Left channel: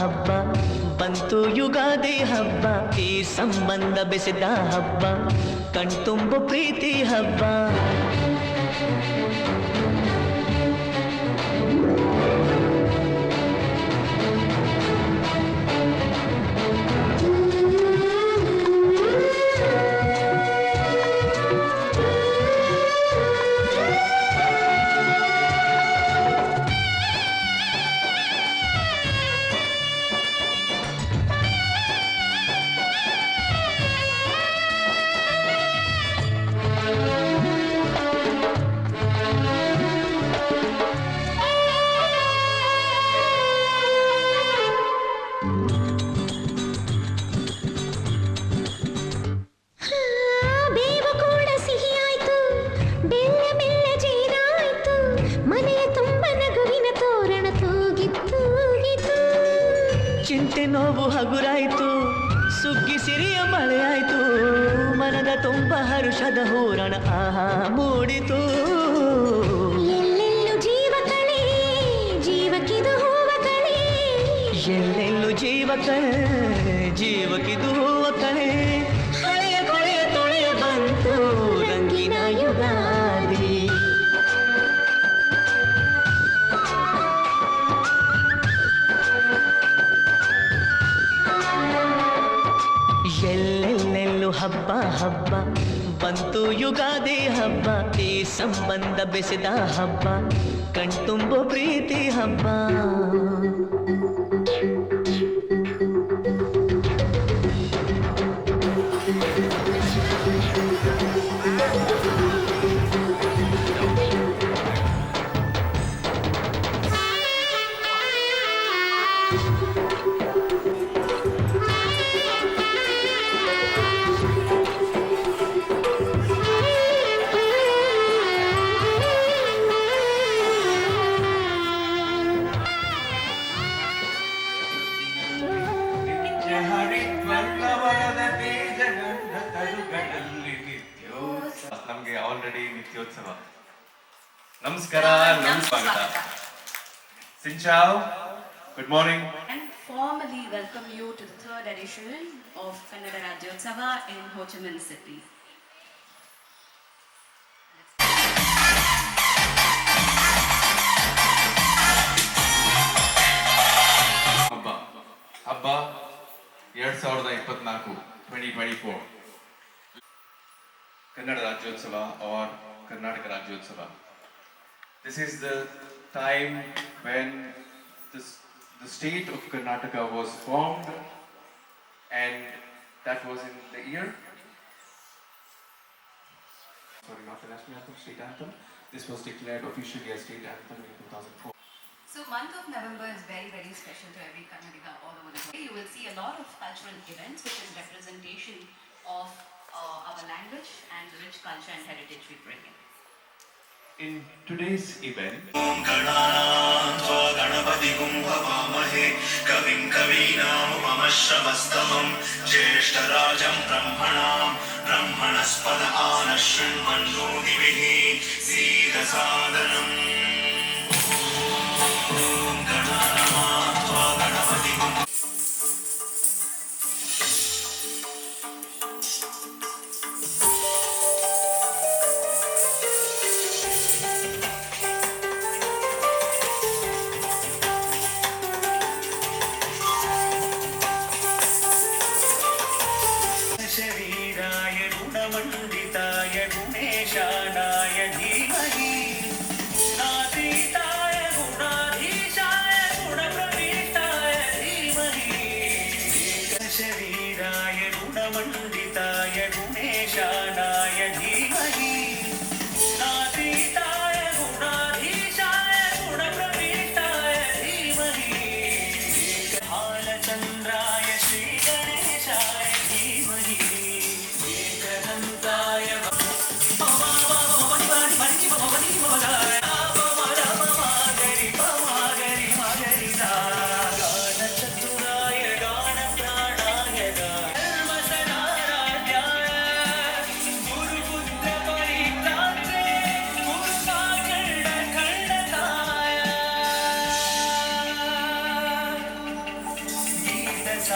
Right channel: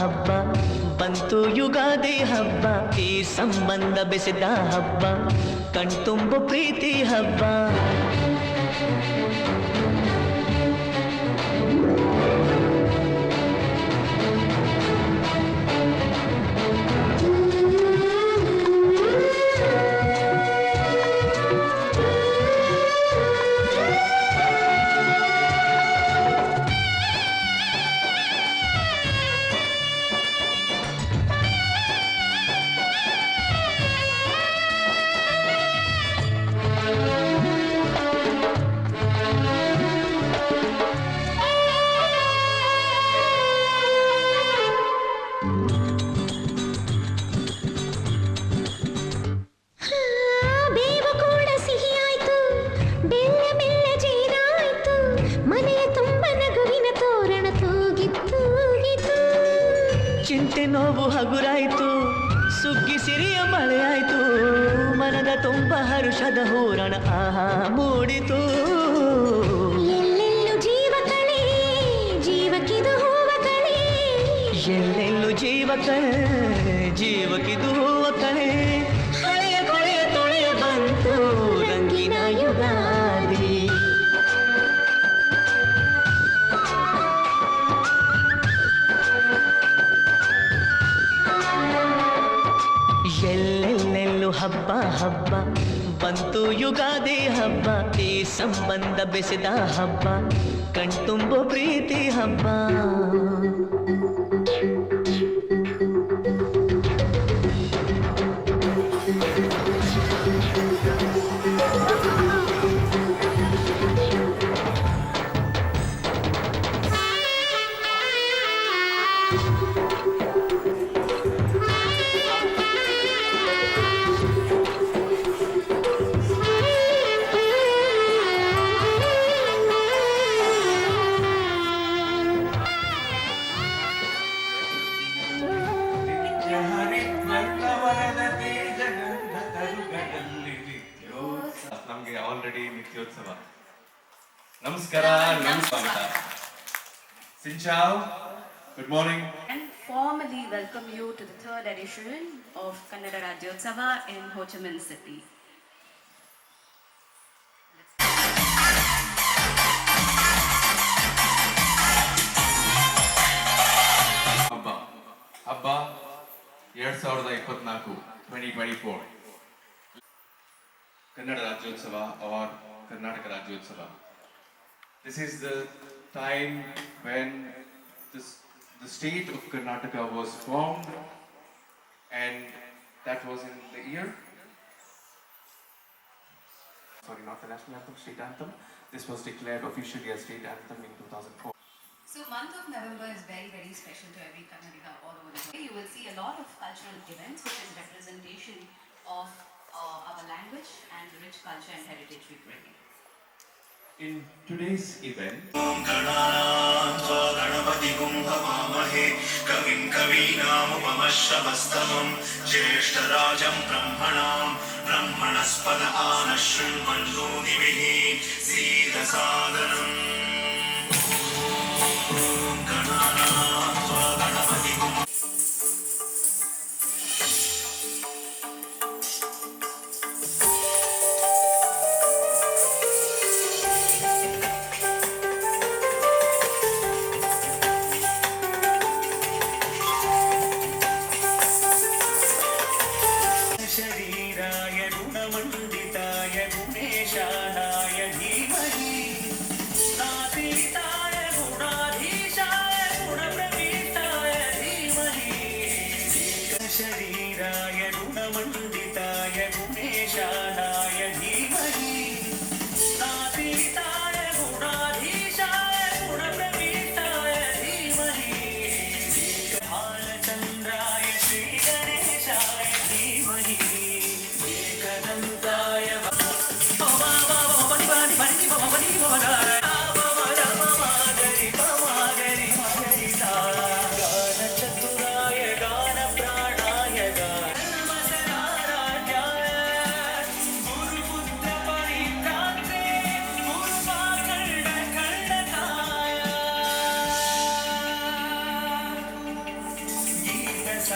ಹಬ್ಬ ಬಂತು ಯುಗಾದಿ ಹಬ್ಬ ಈ ಸಂಬಂಧ ಬೆಸೆದ ಹಬ್ಬ ಕಣ್ತುಂಬು ಪ್ರೀತಿ ಹಬ್ಬ ಚಿಂತೆ ನೋವು ಹಗುರಾಯ್ತು ಸುಗ್ಗಿ ಸಿರಿಯ ಮಳೆಯಾಯ್ತು ಮನದ ತುಂಬ ಹರುಷದ ಹೂರಣ ಆಹಾ ಮೂಡಿತು ಎಲ್ಲೆಲ್ಲೂ ಜೀವ ಕಳೆ ಜೀವಕ್ಕಿದು ಹೂವ ಕಳೆ ಎಲ್ಲೆಲ್ಲೂ ಜೀವ ಕಳೆ ಜೀವಕ್ಕಿದು ಹೂವ ಕಳೆ ಹಳೆಯ ಕೊಳೆಯ ತೊಳೆಯ ಬಂತು ರಂಗಿನ ಯುಗಾದಿ ಎಲ್ಲೆಲ್ಲೆಲ್ಲೂ ಹಬ್ಬ ಹಬ್ಬ ಬಂತು ಯುಗಾದಿ ಹಬ್ಬ ಈ ಸಂಬಂಧ ಬೆಸೆದ ಹಬ್ಬ ಕಣ್ತುಂಬು ಪ್ರೀತಿ ಹಬ್ಬ ನಮಗೆ ಆಲ್ರೆಡಿ ನಿತ್ಯೋತ್ಸವ ನಮಸ್ಕಾರ ಸ್ವಾಗತ Sinchao, good morning. And formally welcome you to the third edition of Kannada Rajyotsava in Ho Chi Minh City. ಹಬ್ಬ 2024 2024 Kannada Rajyotsava or Karnataka Rajyotsava. This is the time when the state of Karnataka was formed, and that was in the year, sorry, not the national anthem, state anthem. This was declared officially as state anthem in 2004. So month of November is very, very special to every Kannadiga all over the world. You will see a lot of cultural events which is representation of our language and the rich culture and heritage we bring in. In today's event, कविं कवीनामुपमश्रवस्तमं ज्येष्ठराजं ब्रह्मणस्पद आनशृण्वन्नोतिभिः सीदसादनम्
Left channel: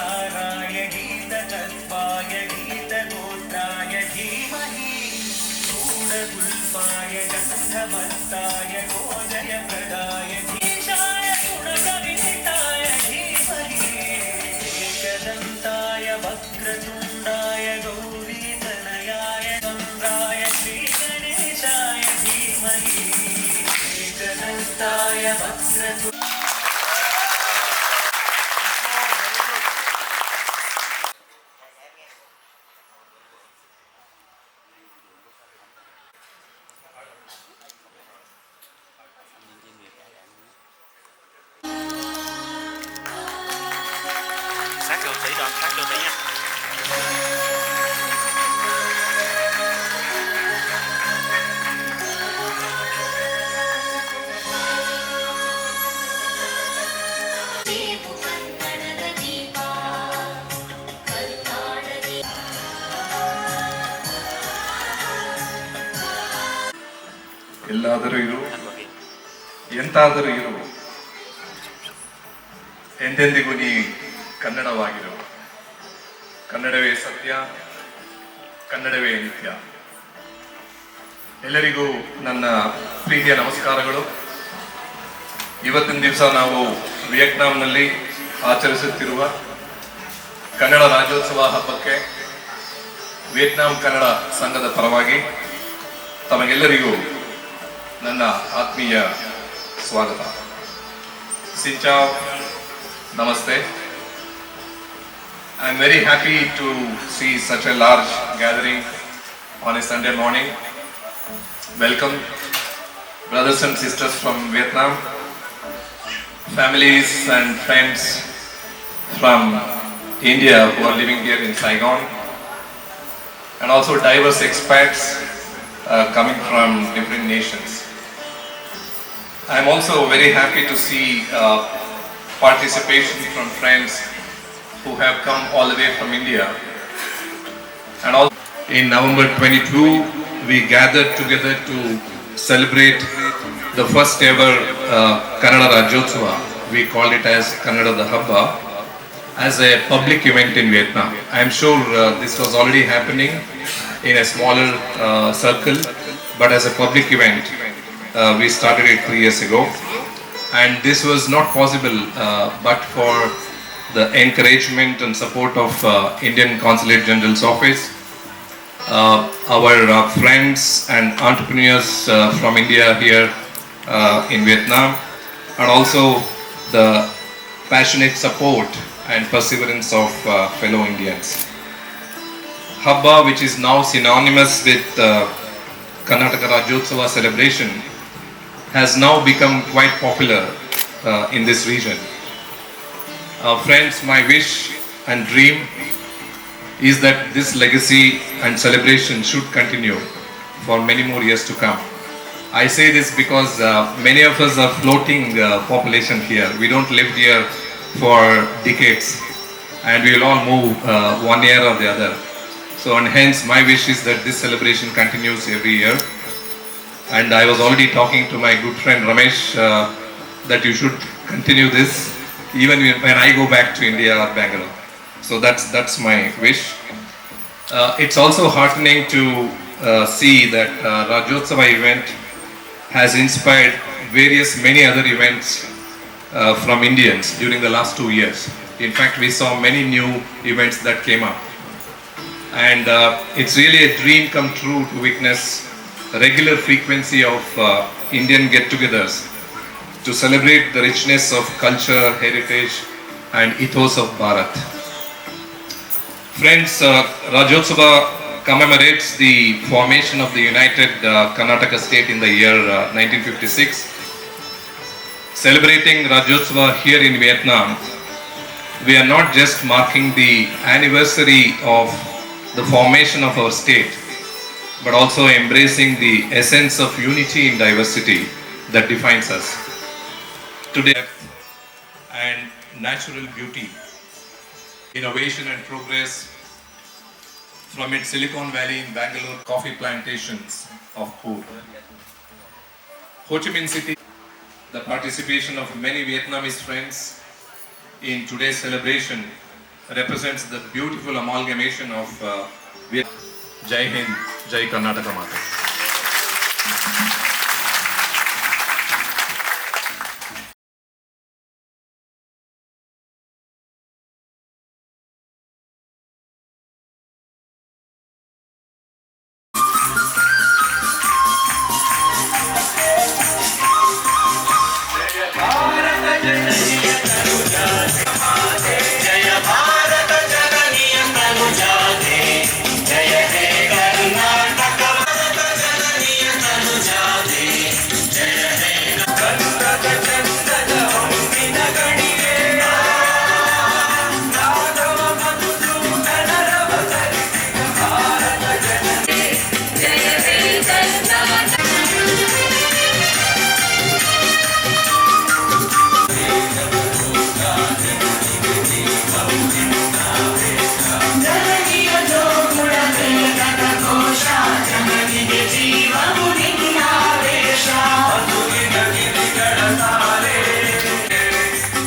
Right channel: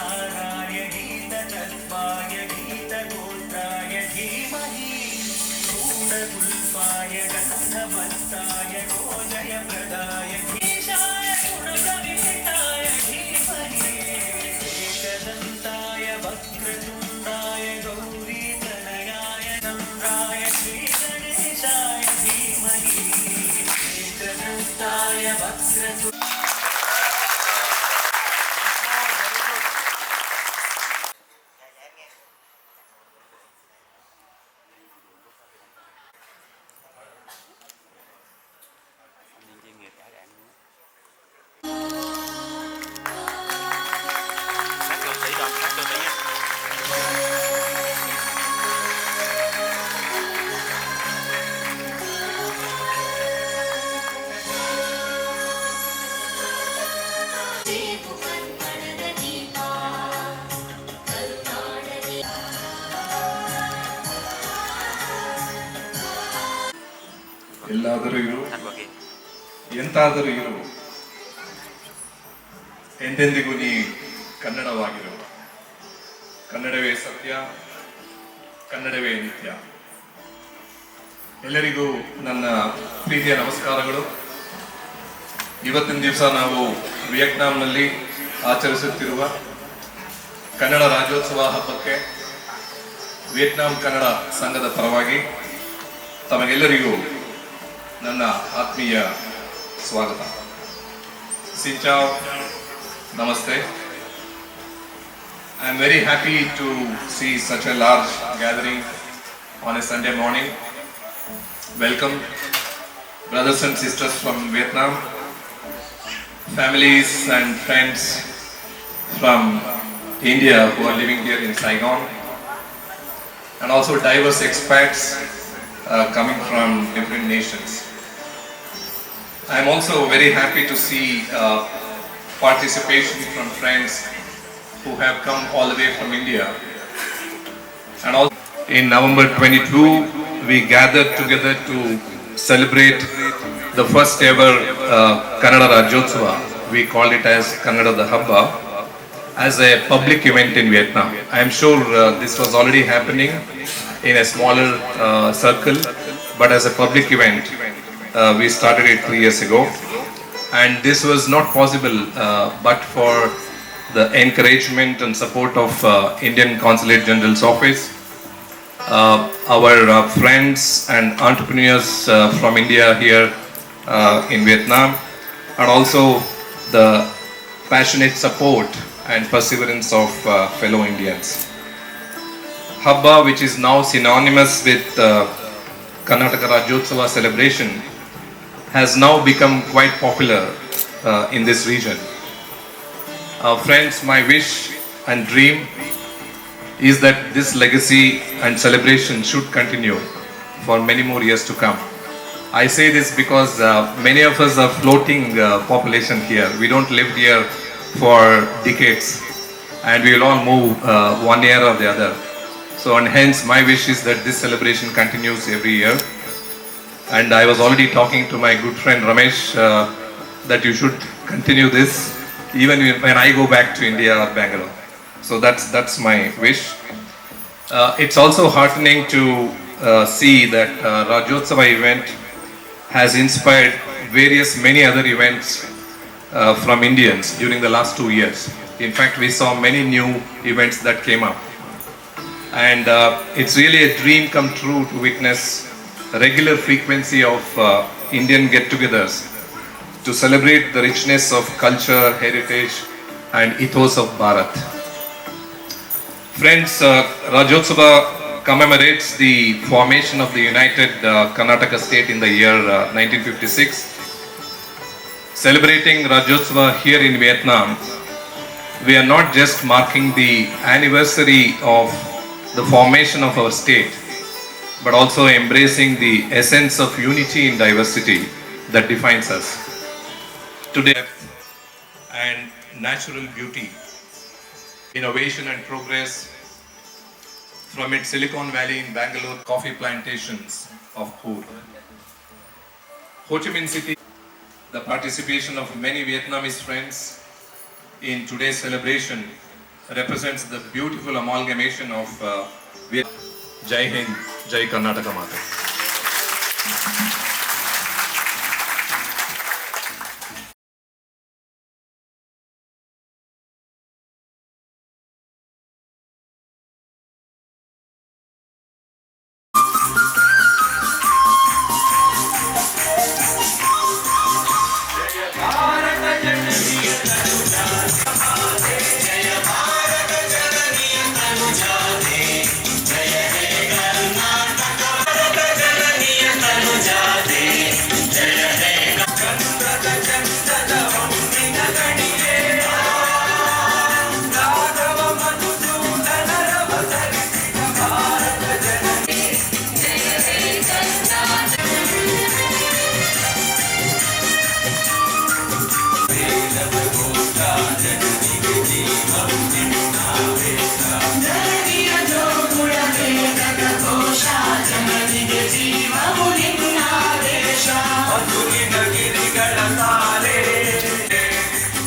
गीतसाराय गीतकल्पाय गीतगोत्राय धीमहि गूढगुल्पाय गन्धवत्ताय गोजयप्रदाय धीशाय गुणकविहिताय धीमहि एकदन्ताय वक्रतुण्डाय गौरीतनयाय चन्द्राय श्रीगणेशाय धीमहि एकदन्ताय वक्रतुण्डाय sát vô tí rồi, sát vô tí nha. ಸೇಬು ಕಂಕಣದ ದೀಪ ಕರುನಾಡಲಿ ಎಲ್ಲಾದರೂ ಇರು Thành vào kia. ಎಂತಾದರೂ ಇರು ಎಂದೆಂದಿಗೂ ನೀ ಕನ್ನಡವಾಗಿರು. ಕನ್ನಡವೇ ಸತ್ಯ, ಕನ್ನಡವೇ ನಿತ್ಯ. ಎಲ್ಲರಿಗೂ ನನ್ನ ಪ್ರೀತಿಯ ನಮಸ್ಕಾರಗಳು. ಇವತ್ತಿನ ದಿವಸ ನಾವು ವಿಯೆಟ್ನಾಂನಲ್ಲಿ ಆಚರಿಸುತ್ತಿರುವ ಕನ್ನಡ ರಾಜ್ಯೋತ್ಸವ ಹಬ್ಬಕ್ಕೆ ವಿಯೆಟ್ನಾಂ ಕನ್ನಡ ಸಂಘದ ಪರವಾಗಿ ತಮಗೆಲ್ಲರಿಗೂ ನನ್ನ ಆತ್ಮೀಯ ಸ್ವಾಗತ. ಸಿಂಚಾವ್, ನಮಸ್ತೆ. I am very happy to see such a large gathering on a Sunday morning. Welcome, brothers and sisters from Vietnam, families and friends from India who are living here in Saigon, and also diverse expats coming from different nations. I am also very happy to see participation from friends who have come all the way from India. And also in November 22, we gathered together to celebrate the first ever Kannada Rajyotsava. We called it as Kannada the Habba, as a public event in Vietnam. I am sure this was already happening in a smaller circle, but as a public event, we started it 3 years ago. And this was not possible but for the encouragement and support of Indian Consulate General's Office, our friends and entrepreneurs from India here in Vietnam, and also the passionate support and perseverance of fellow Indians. Habba, which is now synonymous with Karnataka Rajyotsava celebration, has now become quite popular in this region. Friends, my wish and dream is that this legacy and celebration should continue for many more years to come. I say this because many of us are floating population here. We don't live here for decades, and we will all move one year or the other. So, and hence my wish is that this celebration continues every year. And I was already talking to my good friend Ramesh that you should continue this even when I go back to India or Bangalore. So that's my wish. It's also heartening to see that Rajyotsava event has inspired many other events from Indians during the last 2 years. In fact, we saw many new events that came up. And it's really a dream come true to witness a regular frequency of Indian get-togethers to celebrate the richness of culture, heritage, and ethos of Bharat. Friends, Rajyotsava commemorates the formation of the United Karnataka state in the year 1956. Celebrating Rajyotsava here in Vietnam, we are not just marking the anniversary of the formation of our state, but also embracing the essence of unity in diversity that defines us. Today, and natural beauty, innovation and progress from its Silicon Valley in Bangalore coffee plantations of Pur. Ho Chi Minh City, the participation of many Vietnamese friends in today's celebration represents the beautiful amalgamation of Jai Hind, Jai Karnataka Mata.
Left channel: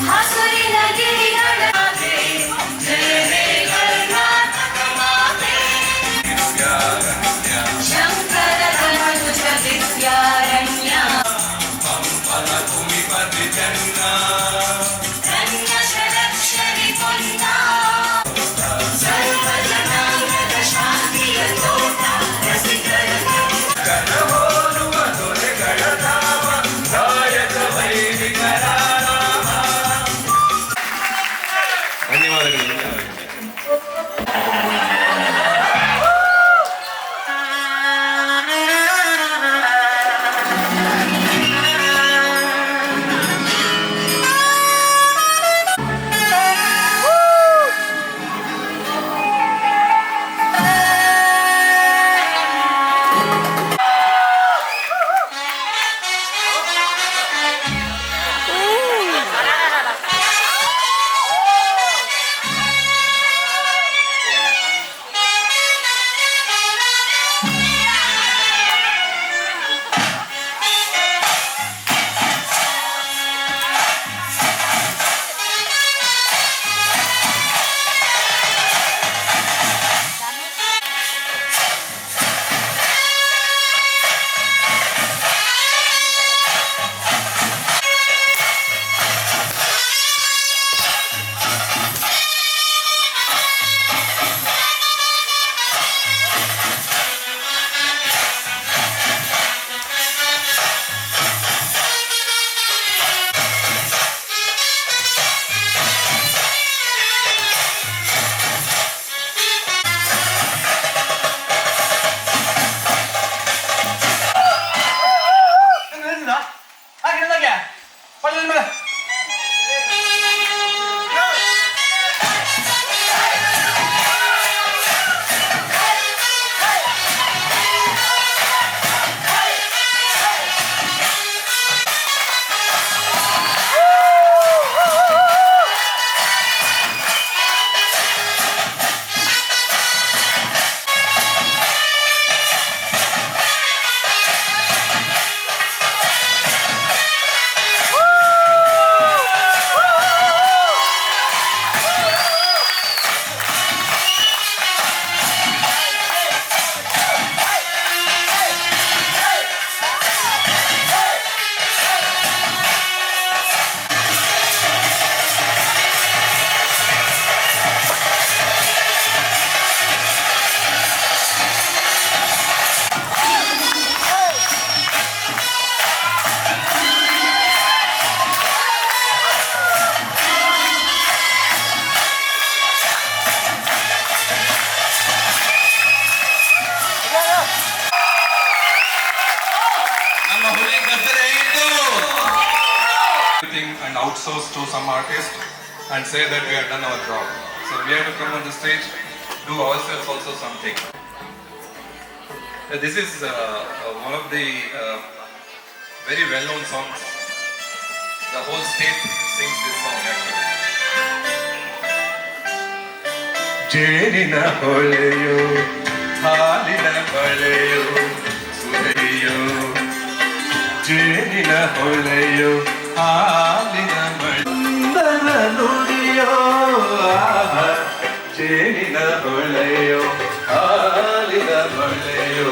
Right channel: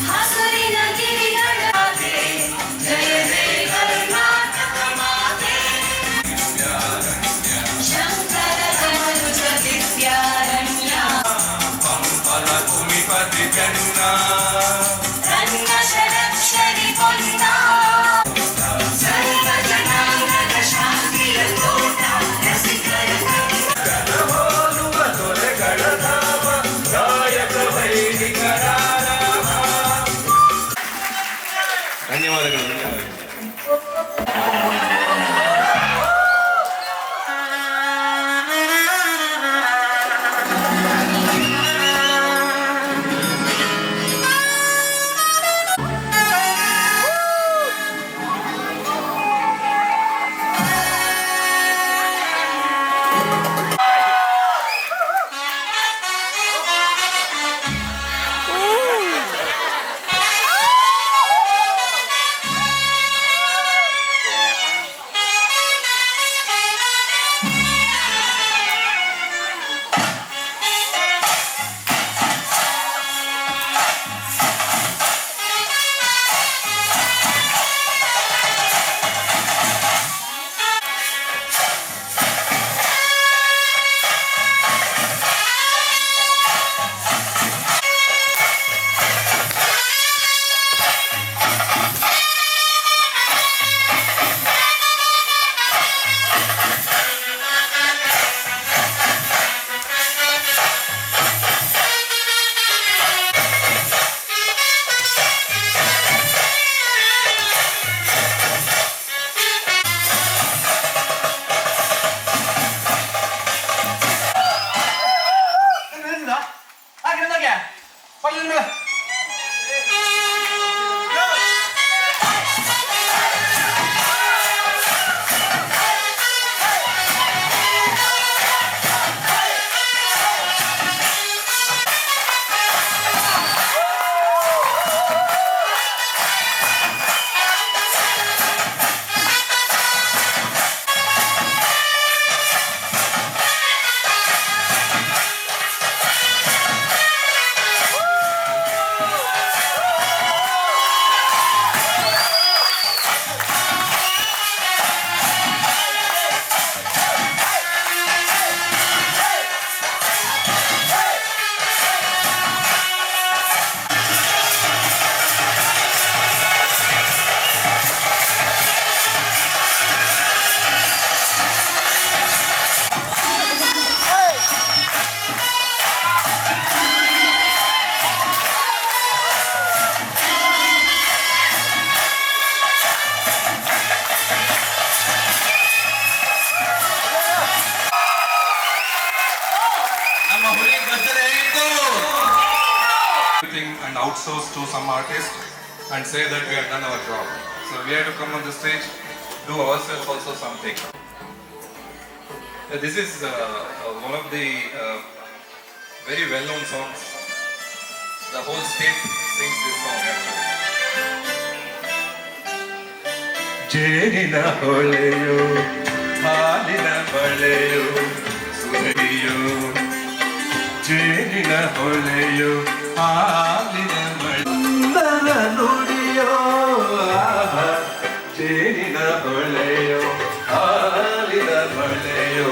ಹಸುರಿನ ಗಿರಿಗಳ ಮಾತೆ, ಜಯ ಹೇ ಕರ್ನಾಟಕ ಮಾತೆ. ಶಂಕರದ ಮನುಜ ವಿದ್ಯಾರಣ್ಯ, ರನ್ನ ಷಡಕ್ಷರಿ ಪೊನ್ನ, ಸರ್ವ ಜನಾಂಗದ ಶಾಂತಿಯ ತೋಟ, ರಸಿಕರ ಧನ್ಯವಾದಗಳು. And outsource to some artist and say that we have done our job. So we have to come on the stage, do ourselves also something. This is one of the very well-known songs. The whole state sings this song actually. ಜೇನಿನ ಹೊಳೆಯೋ ಹಾಲಿನ ಬಳೆಯೋ ಸುರೆಯೋ ಜೇನಿನ ಹೊಳೆಯೋ ಹಾಲಿನ ಬಳೆ ನುಡಿ ಹೊಳೆಯೋ ಆಹಾ, ಜೇನಿನ ಹೊಳೆಯೋ ಹಾಲಿನ ಹೊಳೆಯೋ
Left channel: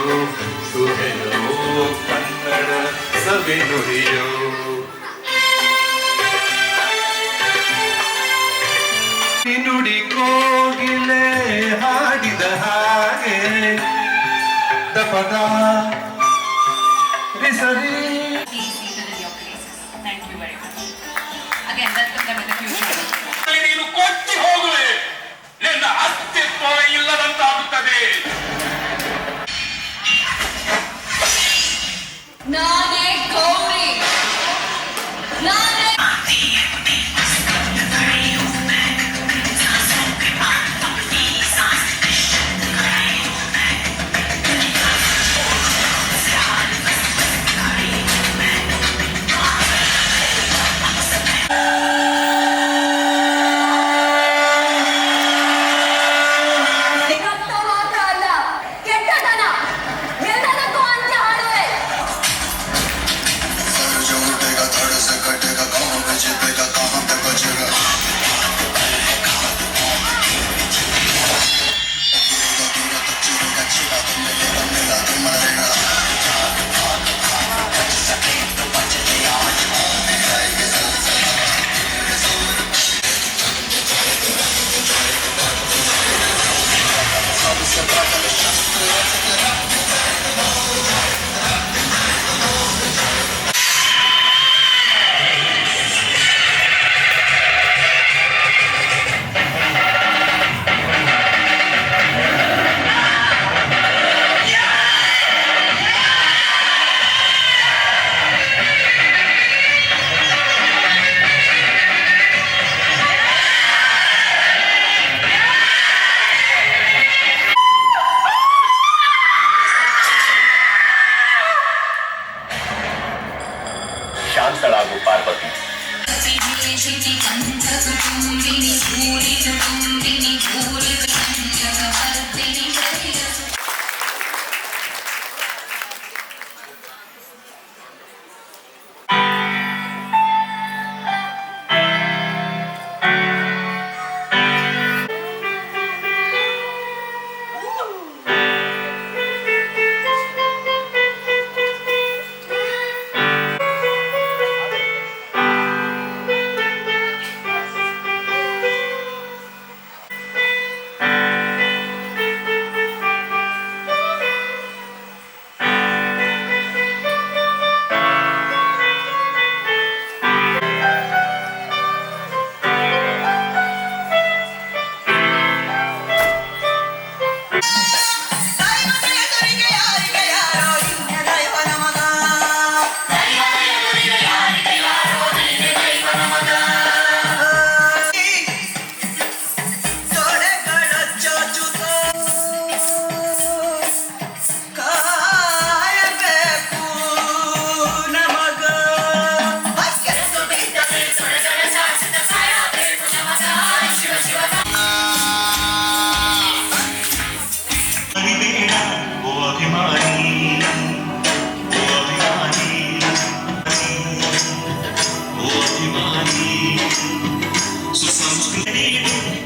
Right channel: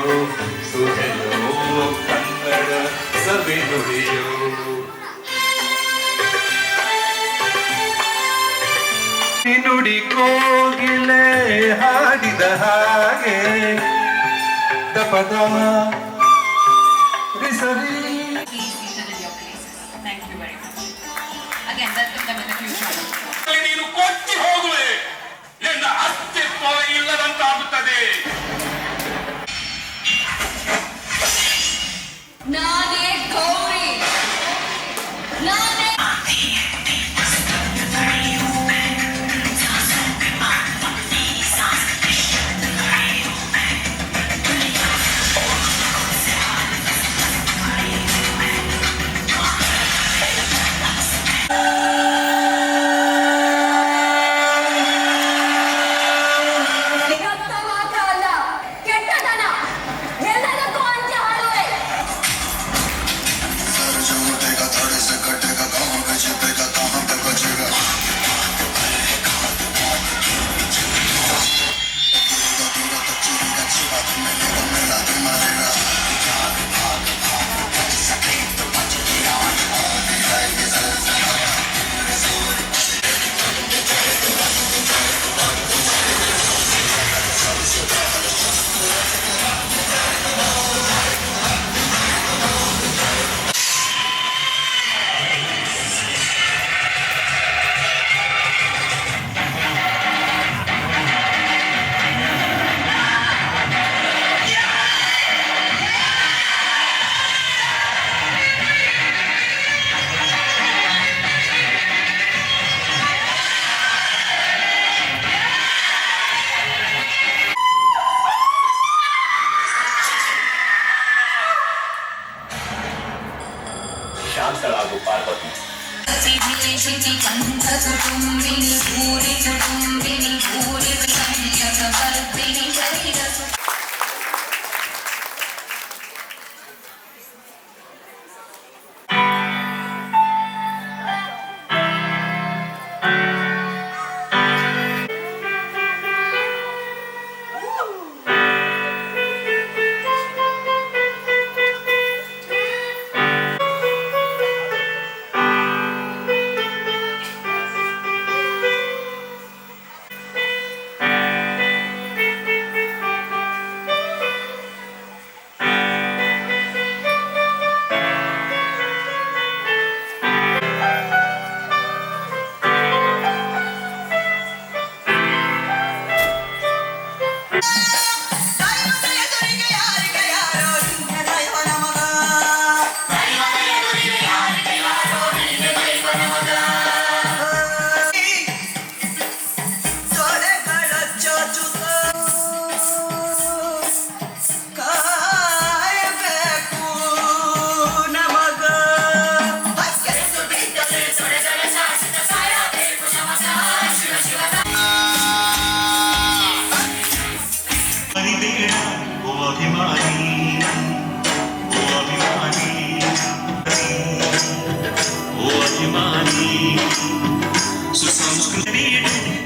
ಸುವೆಯೋ ಕನ್ನಡ ಸವಿನುಡಿಯೋ. ನುಡಿ ಕೋಗಿಲೆ ಹಾಡಿದ ಹಾಗೆ ದಪದ ವಿಸರಿ. Please seated in your places. Thank you very much. Again, welcome them in the future. ನೀನು ಕೊಚ್ಚಿ ಹೋಗುವೆ, ನಿನ್ನ ಅಸ್ತಿತ್ವ ಇಲ್ಲದಂತಾಗುತ್ತದೆ. ನಾನೇ ಗೌರಿ ನಾನೇ ರಕ್ತ ಮಾತ್ರ ಅಲ್ಲ, ಕೆಟ್ಟತನ ಎಲ್ಲದಕ್ಕೂ ಅಂತ್ಯ ಹಾಡುವೆ. ಶಾಂತಳಾಗು ಪಾರ್ವತಿ.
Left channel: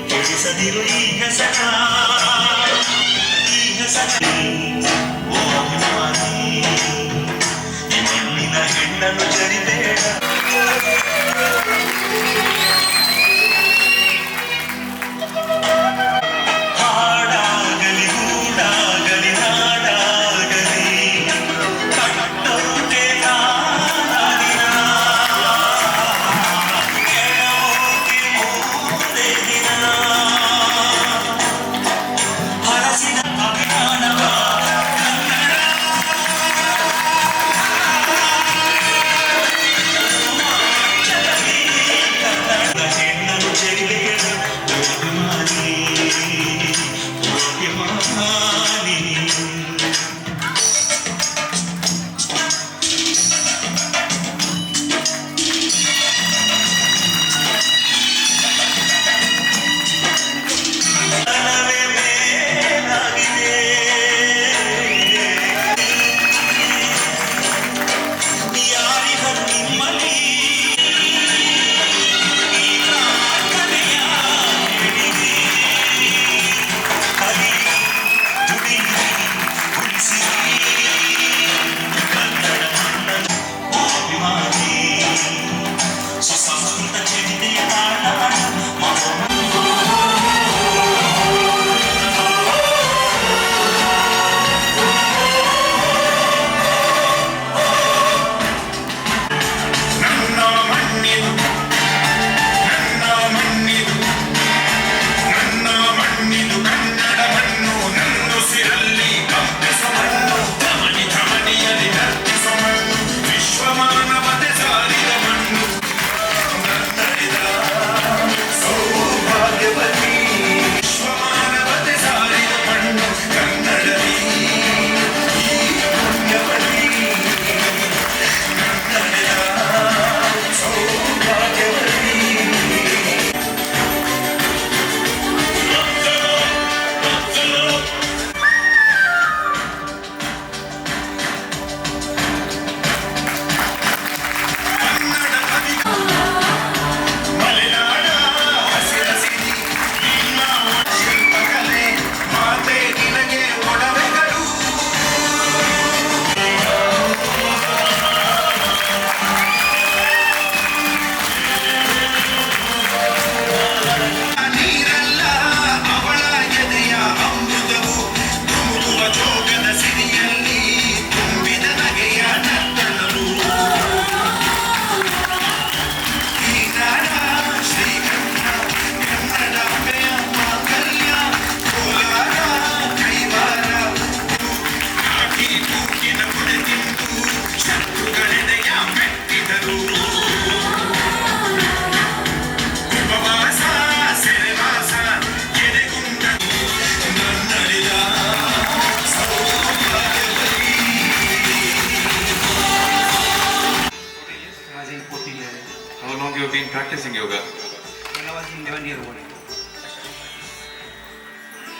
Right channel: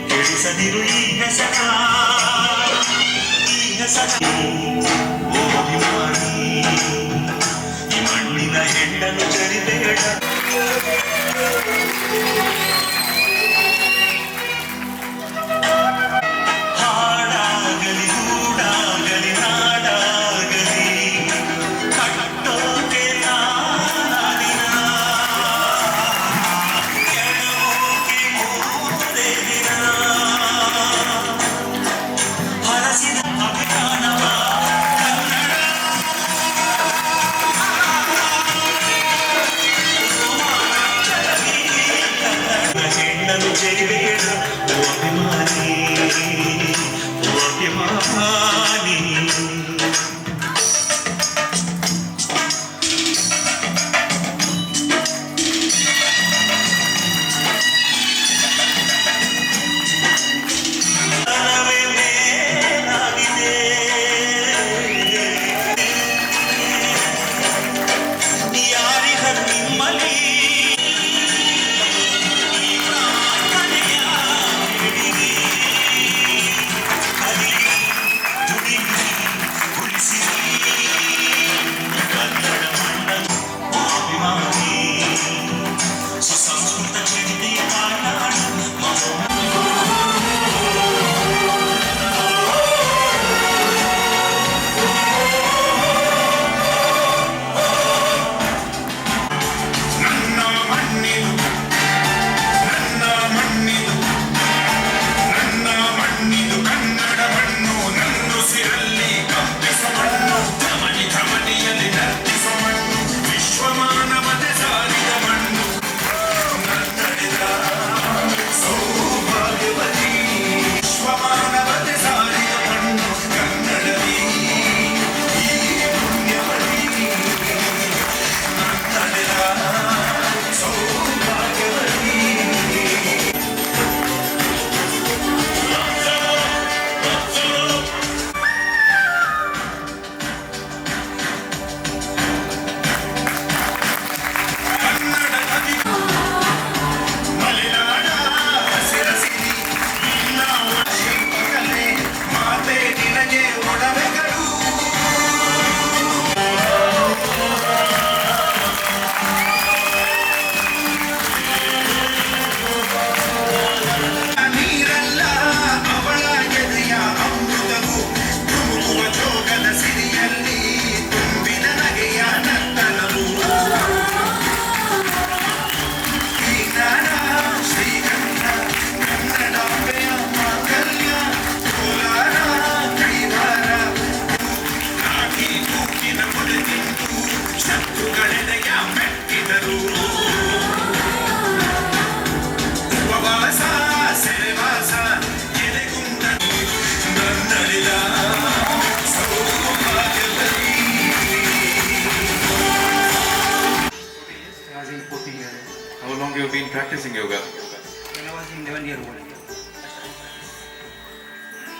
ಕೆಡಿಸದಿರು ಈ ಹೆಸರ, ಈ ಹೆಸರ ಓ ಅಭಿಮಾನಿ, ಈ ಮಣ್ಣಿನ ಹೆಣ್ಣನ್ನು ಜರಿಬೇಡ. ಹಾಡಾಗಲಿ ಹೂಡಾಗಲಿ ನಾಡಾಗಲಿ ಕಟ್ಟೋಕೆ ನಾನಾಗಿನ ಕೆಳೋಕೆ ಮೂರೇ ದಿನ ಹರಸಿದ ಅಭಿಮಾನವ ಕನ್ನಡ ಹೆಣ್ಣನ್ನು ಜರಿಬೇಡ ಓ ಅಭಿಮಾನಿ, ಓ ಅಭಿಮಾನಿ. ತನವೇ ಮೇಲಾಗಿದೆ, ಯಾರಿಗ ನಿಮ್ಮಲ್ಲಿ ಈ ಪ್ರಾರ್ಥನೆಯ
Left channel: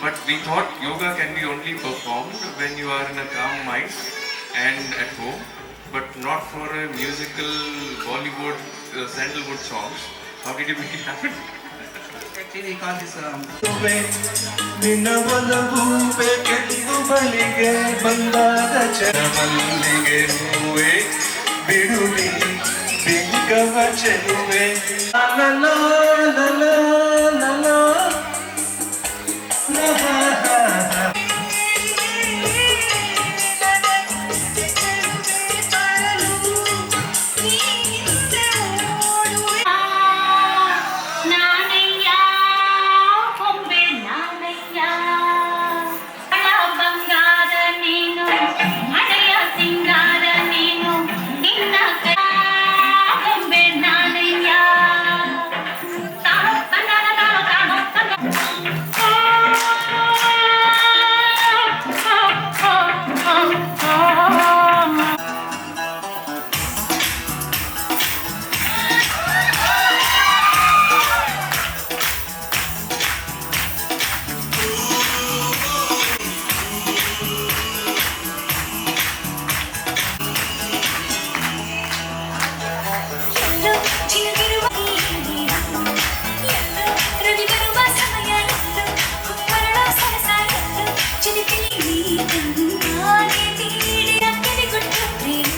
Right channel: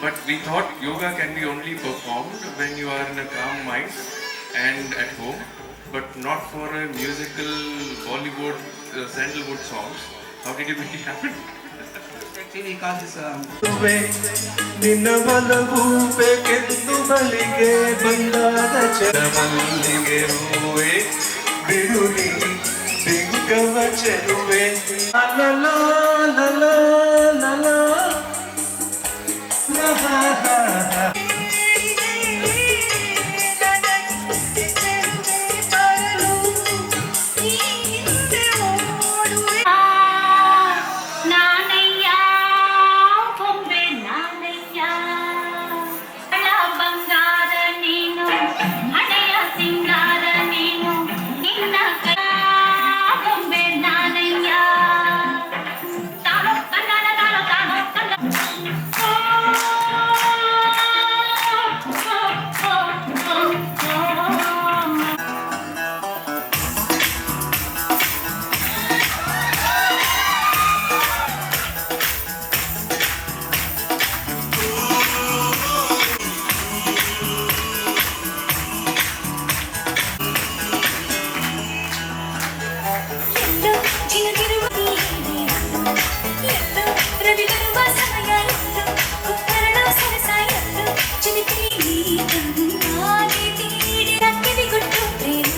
But we thought yoga can be only performed when you are in a calm mind and at home, but not for a musical Bollywood sandalwood songs. How did you make it happen? Actually, we call this ನಿನ್ನ ಒಲವು ಬೇಕೆಂದು ಬಳಿಗೆ ಬಂದಾಗ ಚರಮಲ್ಲಿಗೆ ಹೂವೆ ಬಿಡುವಿ ಬಿಂಕವ ಚೆಲುವೆ ಲಲೋ ಲಲೋ ಲಲೋ ನಾನಯ್ಯ ಕೊಂಬೆ ನಾನಯ್ಯ ಹಳ ಬಂಗಾರ ನೀನು ಹಳೆಯ ಸಿಂಗಾರ ನೀನು ನಿನ್ನ ಕೈ ಕೊಂಬೆ ನಾನಯ್ಯ ತಾಳೋ ಕನ್ನಡ ತಾಳೋ ತಾಳೋ ಎಲ್ಲೋ ಚಿಲುಕಿರುವ ಎಲ್ಲೋ ರವಿಗಿರುವ ಸಮಯ ಕುಕ್ಕರಳ ಸರಸ ಚಿಲಿಪಿಲಿ ಹಾಗೆ ತೀಡಿ ಕತ್ತರಿ ಕೊಟ್ಟು ಪ್ರೇಮ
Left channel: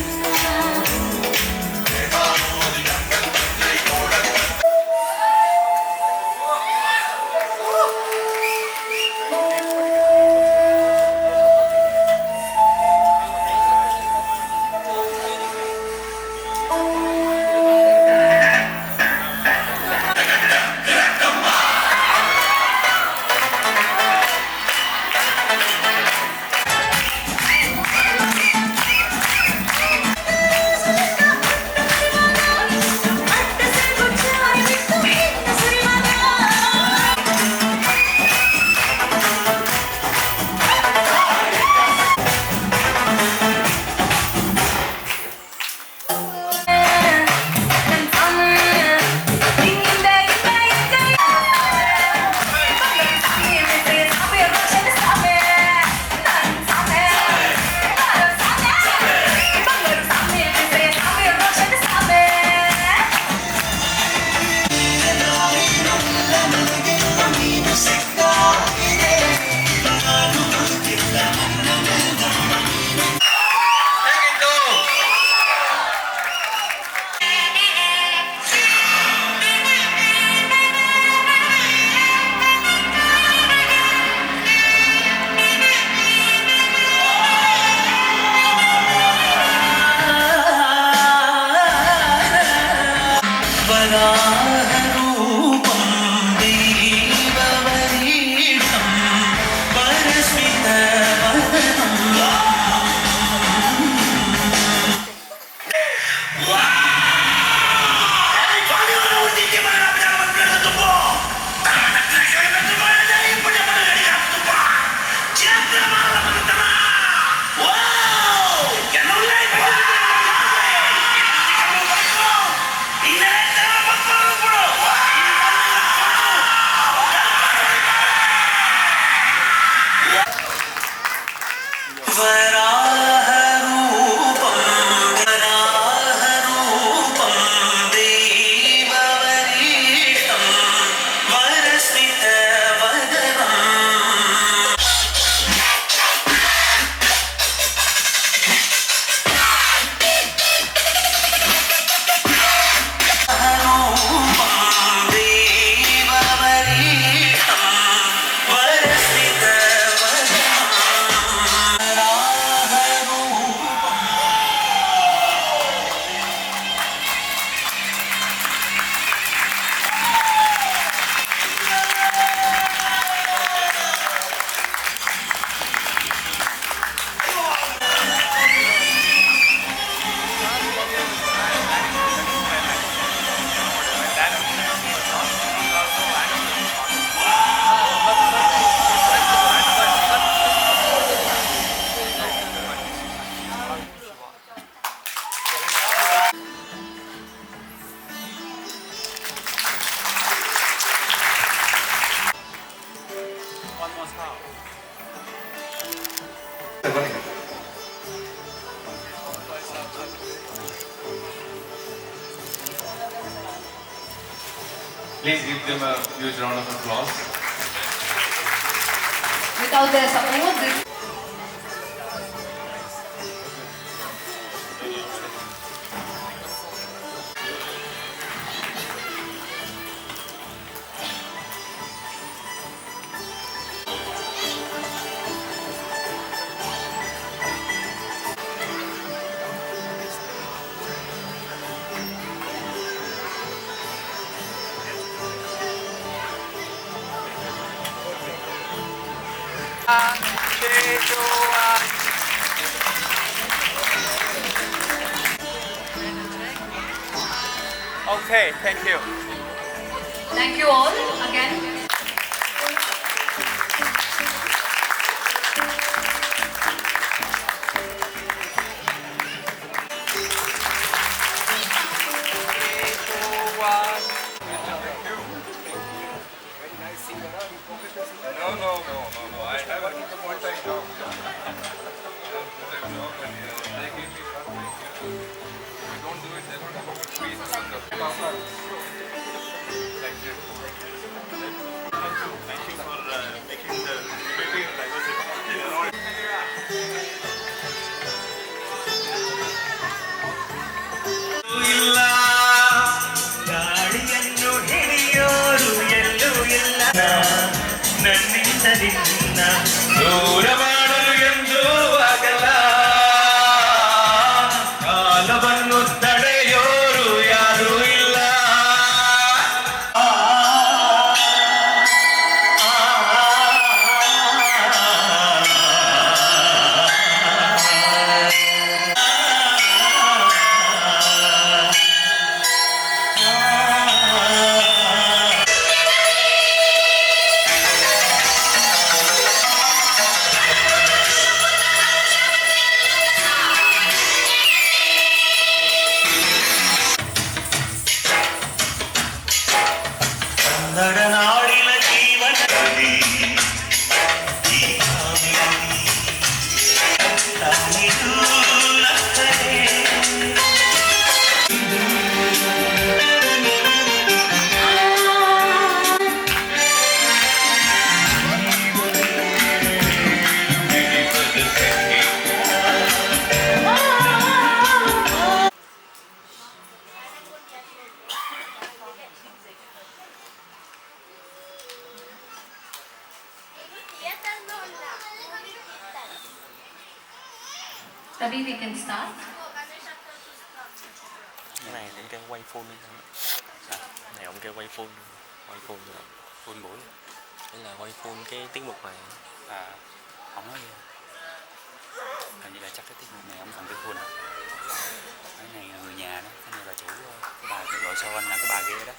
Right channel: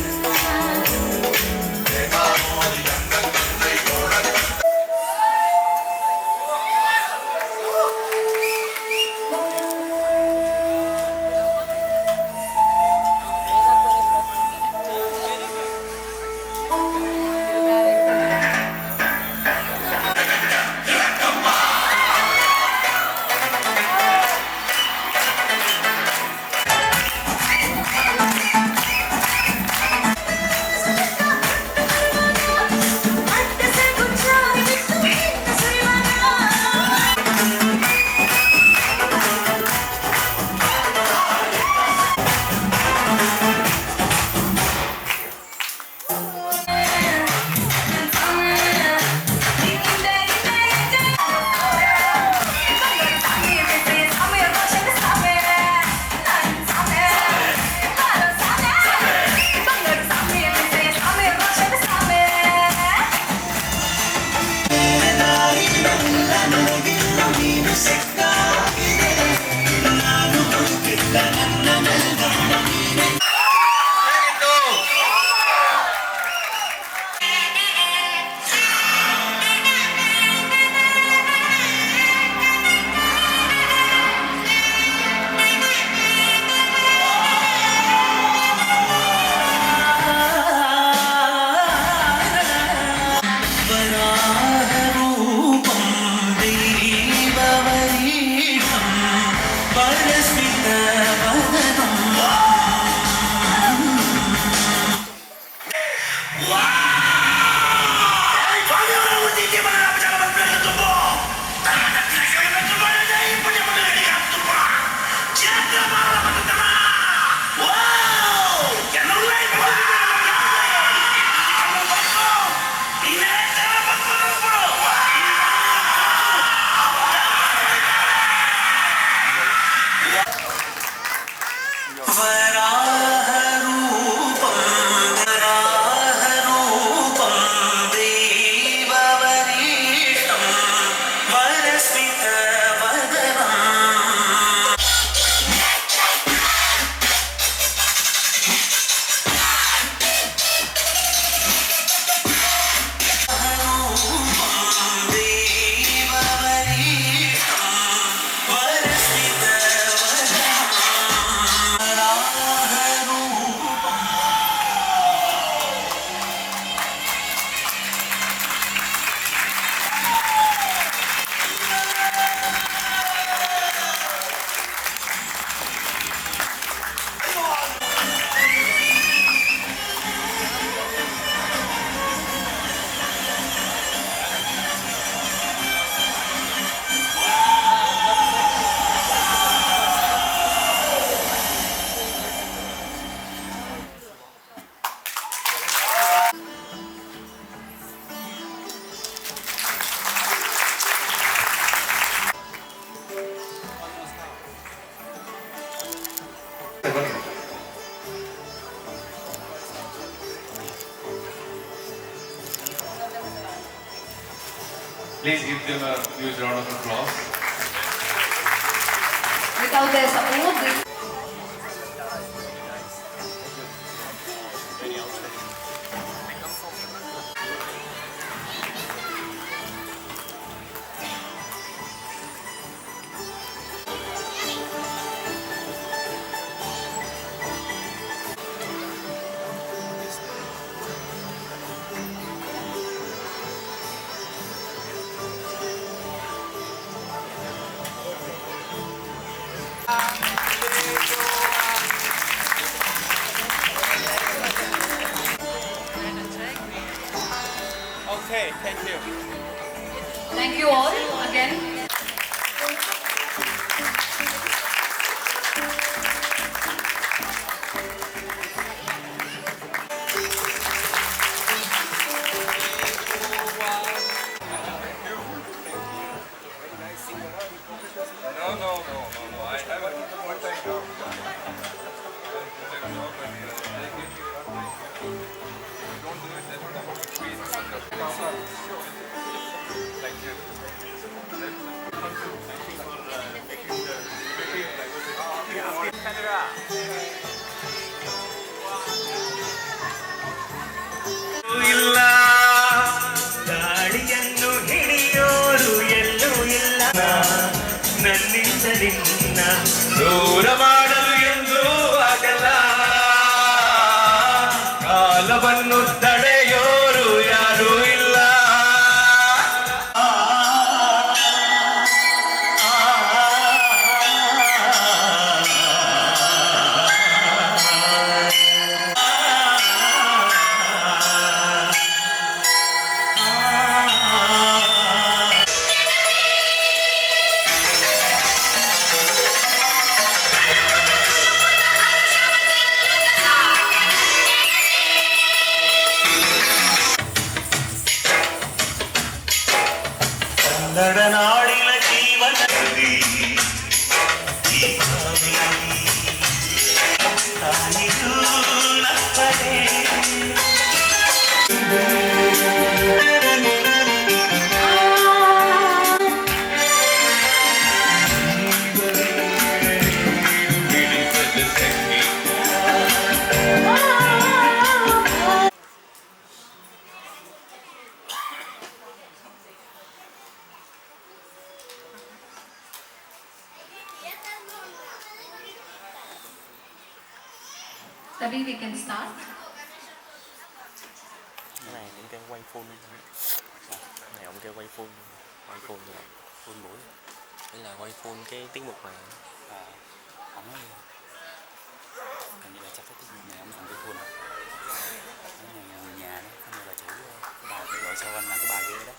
Please give them a huge round of applause. Without their support, this Okay, thank you. thank you all again. No. I have a one time job. They give me one thing. If you don't do it, they don't have a space on the Thank you. Thank you for making the beauty and diversity. ಇಲ್ಲ ಗಾಳಿಯನ್ನು ಹಿಡಿಯೋರು ಎಲ್ಲೂ ಇಲ್ಲ ನನ್ನಿಂದ ನಿನ್ನ ದೂರ ಮಾಡಲು ಎಂದು ಆಗಲ್ಲ ಕಾಲವನ್ನು ತಡೆಯೋರು ಯಾರೂ ಇಲ್ಲ ನಾಡಿನ ಜೀವನದಲ್ಲಿ ಈ Kaveri ತಾನಿಗೂ ನಕ್ಕರೆ Tabi, we can start. Cái này cũng kêu quay full. Cái này ông kêu quay full rồi. Full buổi. Đây là quay full cái tiết mục này. Không có gì. Hình như là chắc cái tiết mục này ông còn cái full. Cái này là người nhà đó, cái này là chủ cái bà gọi sau anh là cái bà kia đó.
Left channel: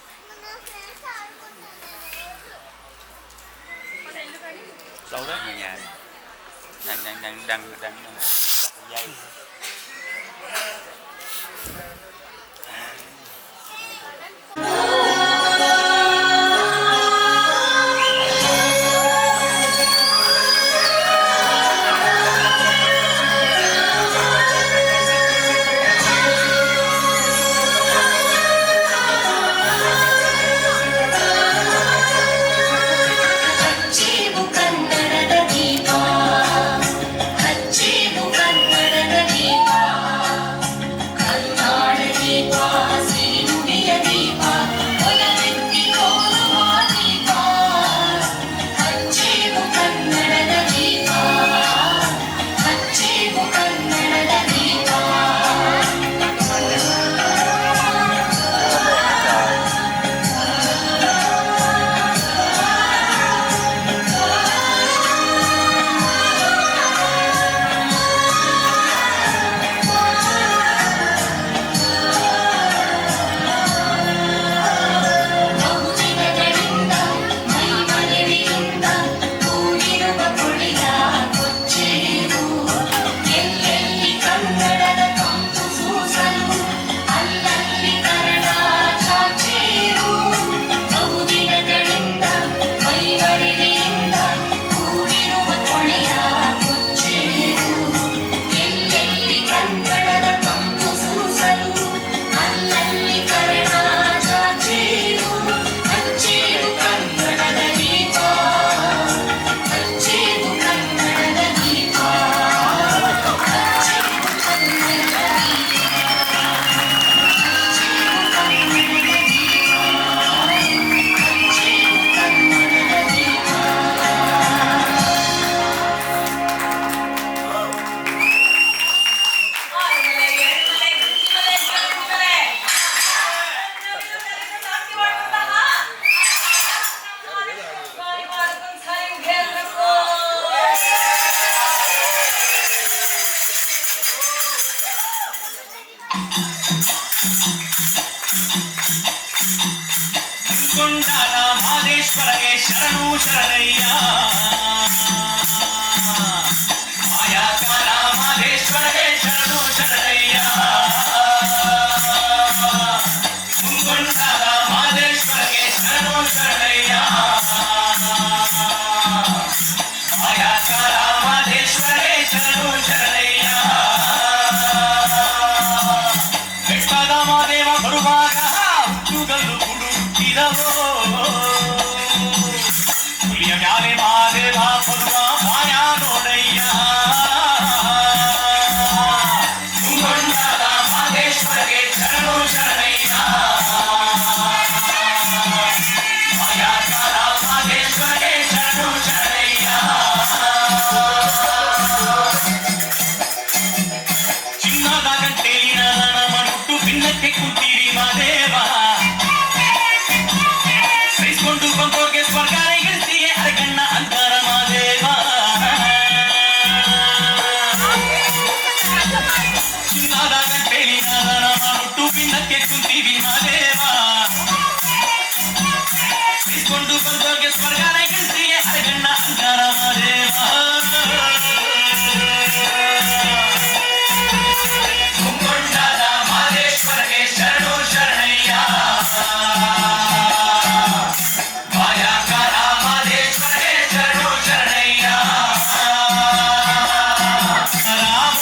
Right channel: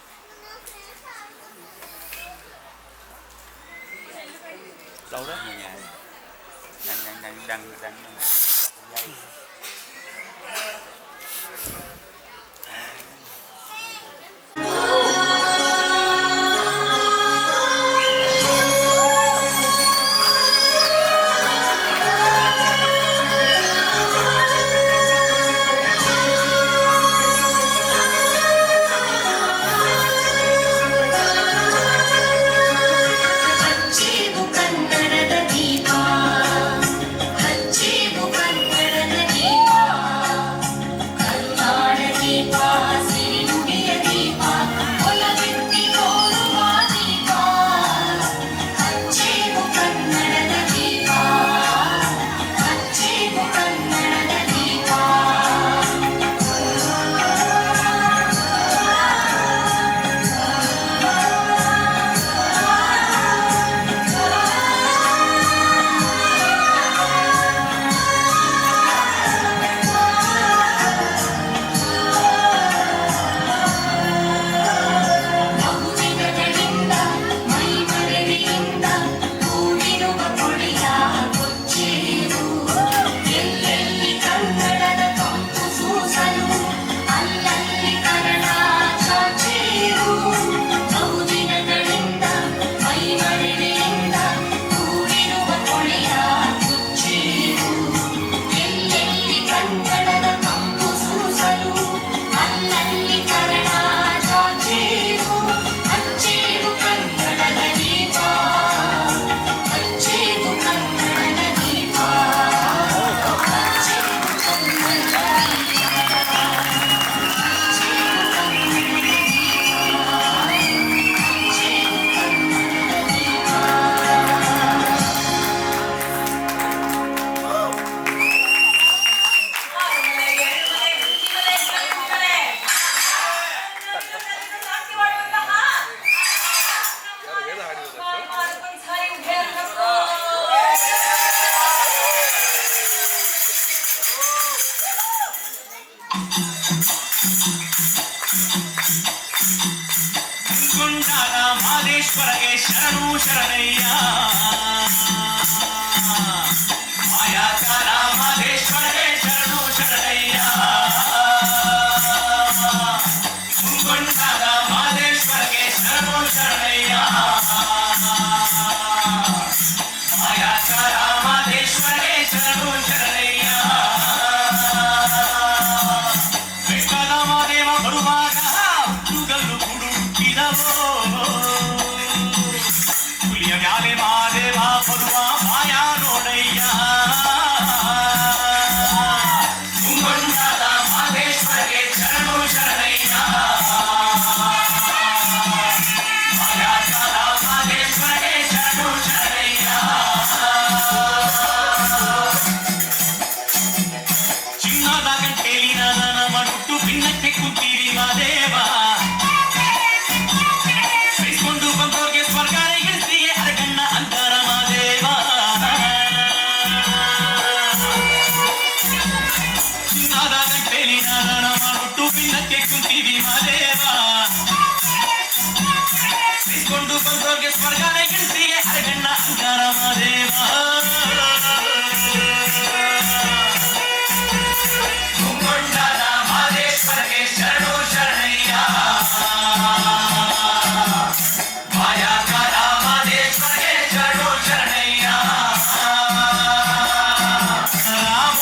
Đâu đó? Người nhà đang dây. ಹಚ್ಚೇವು ಕನ್ನಡದ ದೀಪ ಹಚ್ಚೇವು ಕನ್ನಡದ ದೀಪ ಶರಣು ಶರಣಯ್ಯ ಮಾಯಾಕಾರ ಮಾದೇಶ್ವರಗೆ ಶರಣು ಶರಣಯ್ಯ ಮುಂಗೊಂಡಾದ ಮಾದೇಶ್ವರಗೆ ಶರಣು ಶರಣಯ್ಯ ಮಾಯಾಕಾರ ಮಾದೇಶ್ವರಗೆ ಶರಣು ಶರಣಯ್ಯ ಬೆಟ್ಟದ ಮಾದೇವ ಬರುವಾಗ ಹುಟ್ಟುಗಲ್ಲು ಹುಡುಕಿದವೋ ಹುಲಿಯ ಮ್ಯಾಲೆ ಮಾದೇವ ಬರುವ ಮಾಯ ನೋಡಯ್ಯ ಮುಂಗೊಂಡಾದ ಮಾದೇಶ್ವರಗೆ ಶರಣು ಶರಣಯ್ಯ ಮಾಯಾಕಾರ ಮಾದೇಶ್ವರಗೆ ಶರಣು ಶರಣಯ್ಯ ಚಿನ್ನದ ಗಂಟೆಲಿನ ನಮ್ಮ ಹುಟ್ಟು ಭಿನ್ನಕ್ಕೆ ಕುಂತೀರಿ ಮಾದೇವ ಸಹಿಸ್ಕೊಂಡು ಬಂದೋರ್ಗೆ ಸ್ವರ್ಗಾನ ಗಿಳಿಸಿಯೇ ಅರಗಣ್ಣ ಅಂತಾರ ಮಾದೇವ ಚಿನ್ನದ ಗಂಟೆಲಿನ ನಮ್ಮ ಹುಟ್ಟು ಭಿನ್ನಕ್ಕೆ ಕುಂತೀವಿ ಮಾದೇವ ಸಹಿಸ್ಕೊಂಡು ಬಂದೋರ್ಗೆ ಸ್ವರ್ಗಾನ ಗಿಳಿಸಿಯೇ ಅರಗಣ್ಣ ಅಂತಾರ ಮಾದೇವ ಮುಂಗೊಂಡಾದ ಮಾದೇಶ್ವರಗೆ ಶರಣು ಶರಣಯ್ಯ ಮಾಯಾಕಾರ ಮಾದೇಶ್ವರಗೆ ಶರಣು ಶರಣಯ್ಯ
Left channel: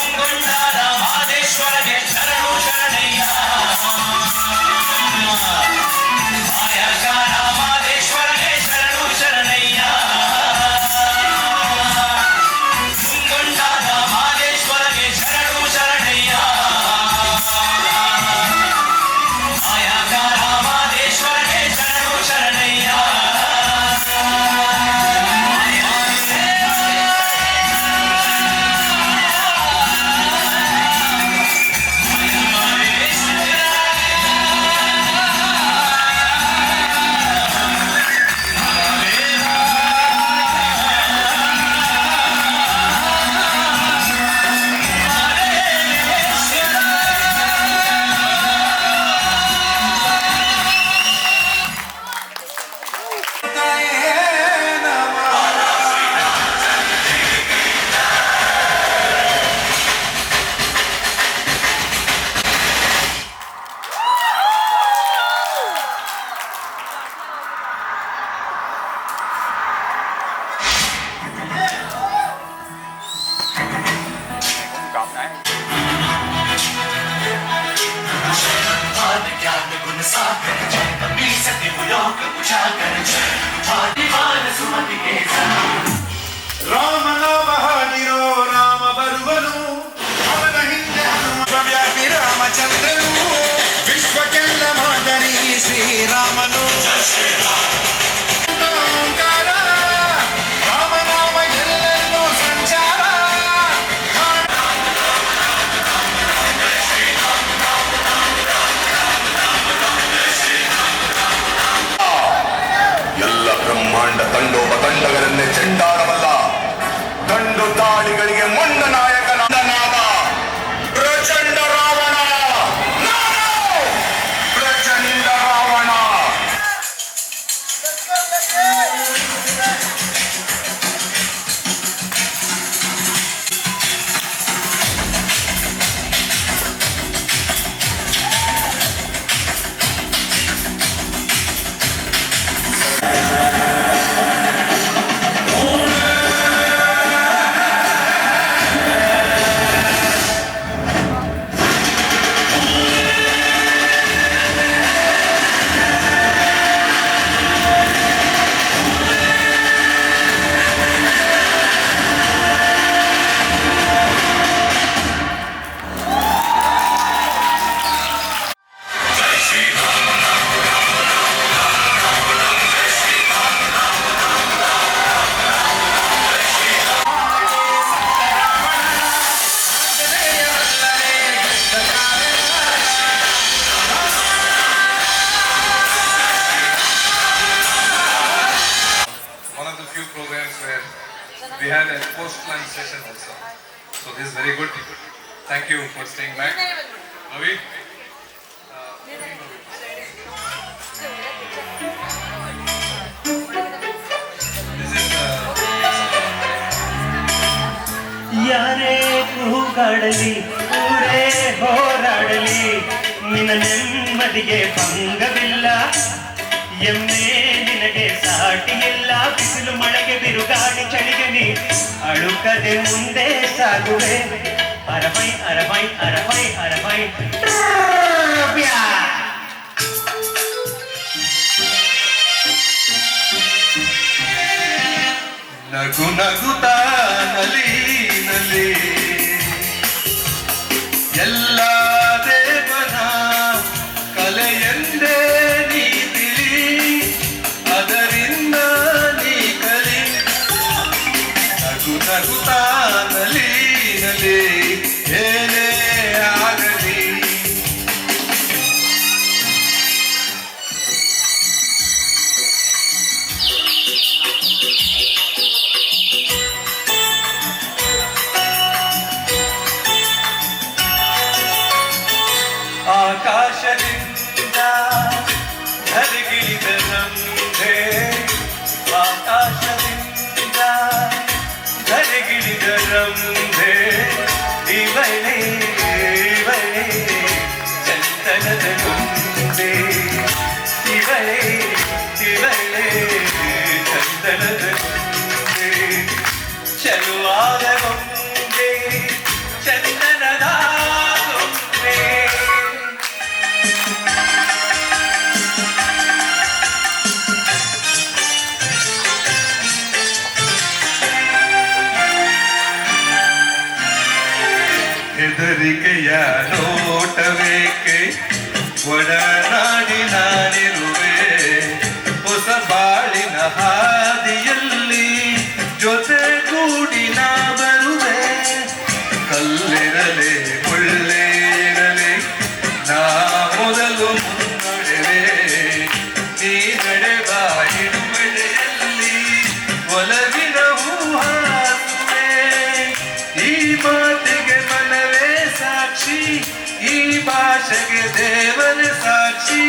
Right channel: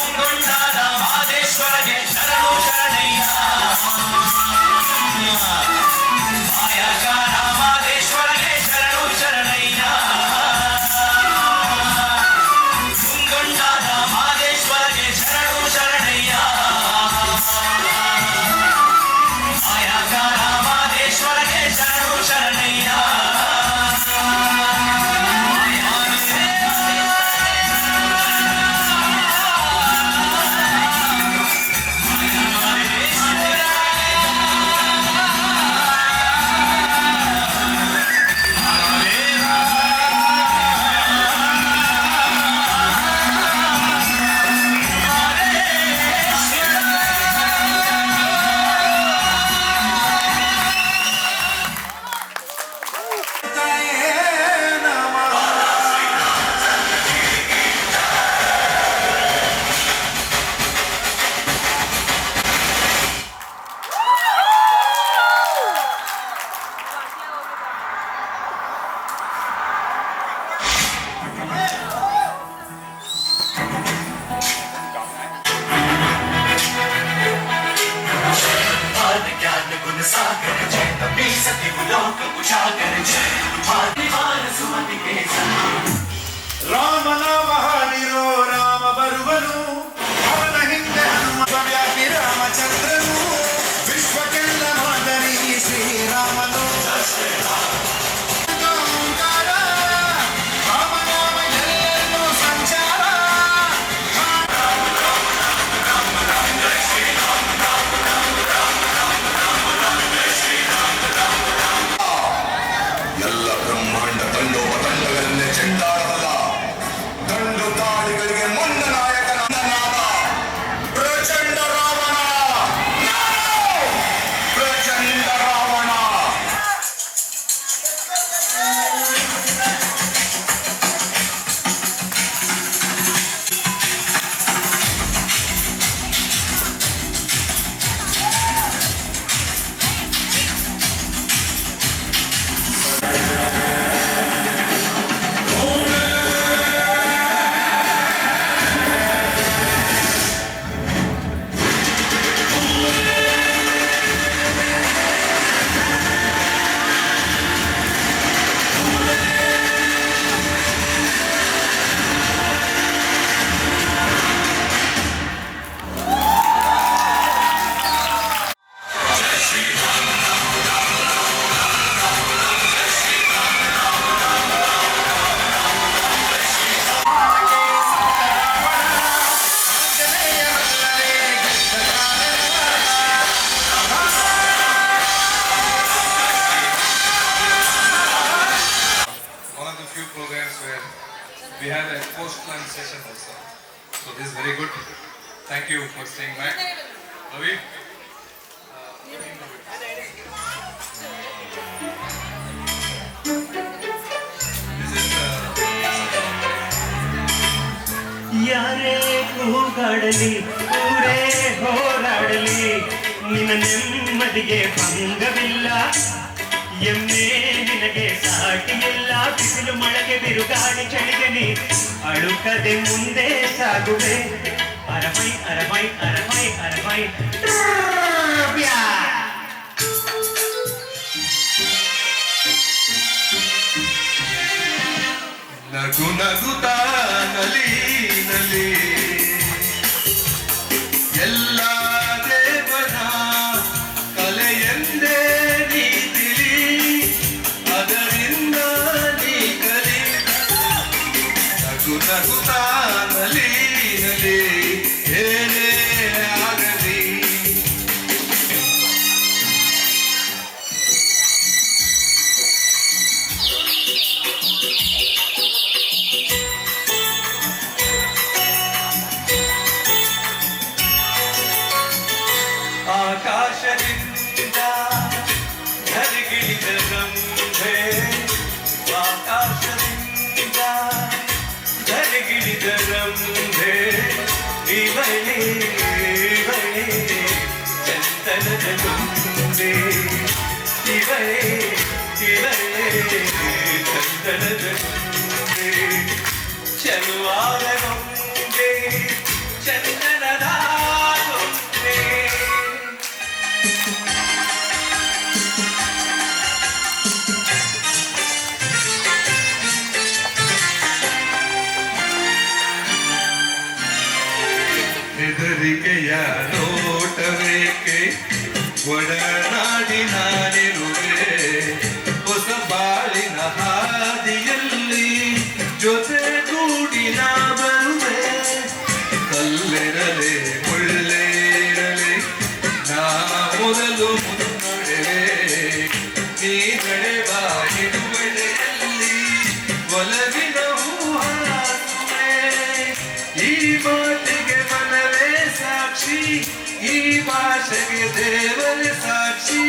ಮುಂಗೊಂಡಾದ ಮಾದೇಶ್ವರಗೆ ಶರಣು ಶರಣಯ್ಯ ಮಾಯಾಕಾರ ಮಾದೇಶ್ವರಗೆ ಶರಣು ಶರಣಯ್ಯ ಮುಂಗೊಂಡಾದ ಮಾದೇಶ್ವರಗೆ ಶರಣು ಶರಣಯ್ಯ ಮಾಯಾಕಾರ ಮಾದೇಶ್ವರಗೆ ಶರಣು ಶರಣಯ್ಯ ज्ञान गुण सागर जय कबीर सत्य लोक उजागर जय मान सुमति के ರಾಮ ನಾಮ ಹಾಡಿರೋ ರಾಮ ಬರುವನು ಅವನ ಹಿಂದೆ ಹನುಮವ್ಯಾಪಿ ರಾಮಚಂದ್ರನು ವಿಶ್ವಕ್ಕೆಲ್ಲ ಮಾದರಿ ಶ್ರೀರಾಮನು ಓಂಕಾರ ರಾಮನಾಮ ಎಲ್ಲರಿಗೂ ಸಂಚಾರ ಎಲ್ಲ ಬ್ರಹ್ಮಾಂಡ ತಂಡೋಪತಂಡಗಳನ್ನೇ ಚೆಂಡಾಡಬಲ್ಲ ದಂಡು ತಾಳಿಗಳಿಗೆ ಮೊಂಡ ನಾಯಕನಾದ ಪ್ರಚಂಡ ರಾವಣ ಪ್ರಚಂಡ Ravana We had a post-lunch session also. So this is very good. Thank you for staying back. Ravi? ಯಾರೇ ಕೂಗಾಡಲಿ ಊರೇ ಹೋರಾಡಲಿ ನಿನ್ನ ನೆಮ್ಮದಿಗೆ ಭಂಗವಿಲ್ಲ ಎಮ್ಮೆ ನಿನಗೆ ಸಾಟಿಯಿಲ್ಲ ಬಿಸಿಲು ಮಳೆಗೆ ಬಿರುಗಾಳಿ ಚಳಿಗೆ ನೀ ಅಳುಕದೆ ಮುಂದೆ ಸಾಗುವೆ ಅರವೈ ಅರವೈ ಅರವೈ ಅರವೈ ನಗು ನಗುತ್ತಾ ನಲಿ ನಲಿ ಎಲ್ಲ ದೇವರ ಕಲೆಯೆಂದೇ ನೀ ತಿಳಿ ಅದರಿಂದ ನೀ ಕಲಿ ನಗು ನಗುತ್ತಾ ನಲಿ ನಲಿ ಏನೇ ಆಗಲಿ ಆಕಾಶದಿಂದ ಧರಿಗಿಳಿದ ರಂಭೆ ಆಕಾಶದಿಂದ ಧರಿಗಿಳಿದ ರಂಭೆ ಇವಳೇ ಇವಳೇ ಚಂದನದ ಮುಂದೆ ಇವಳೇ ಇವಳೇ ಚಂದನದ ಮುಂದೆ ಚಲುವಾದ ಮುಂದೆ ಚಂದನದ ಮುಂದೆ ಹೆದರಿಕೆಯ ನೋಟವೇಕೆ ಒಡನಾಡಿ ನಾನಿರುವೆ ಹೊಸ ಬಾಳಿನ ಹಾದಿಯಲ್ಲಿ ಜೊತೆಗೂಡಿ ನಾ ಬರುವೆ ಕಲ್ಲಿರಲೆ ಮುಳ್ಳೇರಲೆ ನಾ ಮೊದಲು ಮುನ್ನಡೆವೆ ನೀ ನಡೆವ ಹಿಡುವಳಿಯಲ್ಲಿ ಒಲವಿನ ಹೂಹಾಸುವೆ ಈ ಮಾತಿಗೆ ಮನವೇ ಸಾಕ್ಷಿ ಈ ಭಾಷೆಗೆ ದೇವರೇ ಸಾಕ್ಷಿ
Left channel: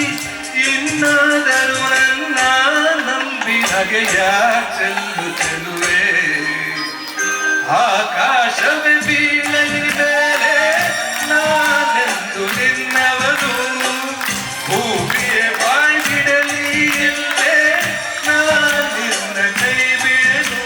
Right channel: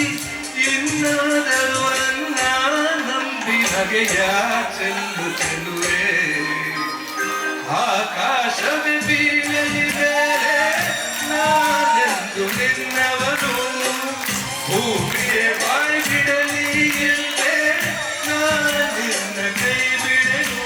ಇನ್ನಾದರೂ ನನ್ನ ನಂಬಿ ನಗೆಯ ಚೆಲ್ಲು ಚೆಲುವೆ ಆಕಾಶವೇ ಬೀಳಲಿ ಮೇಲೆ ನಾನೆಂದು ನಿನ್ನವನು ಭೂಮಿಯೇ ಬಾಯಿ ಬಿಡಲಿ ಇಲ್ಲೇ ನಾನಿನ್ನ ಕೈ ಬಿಡಲು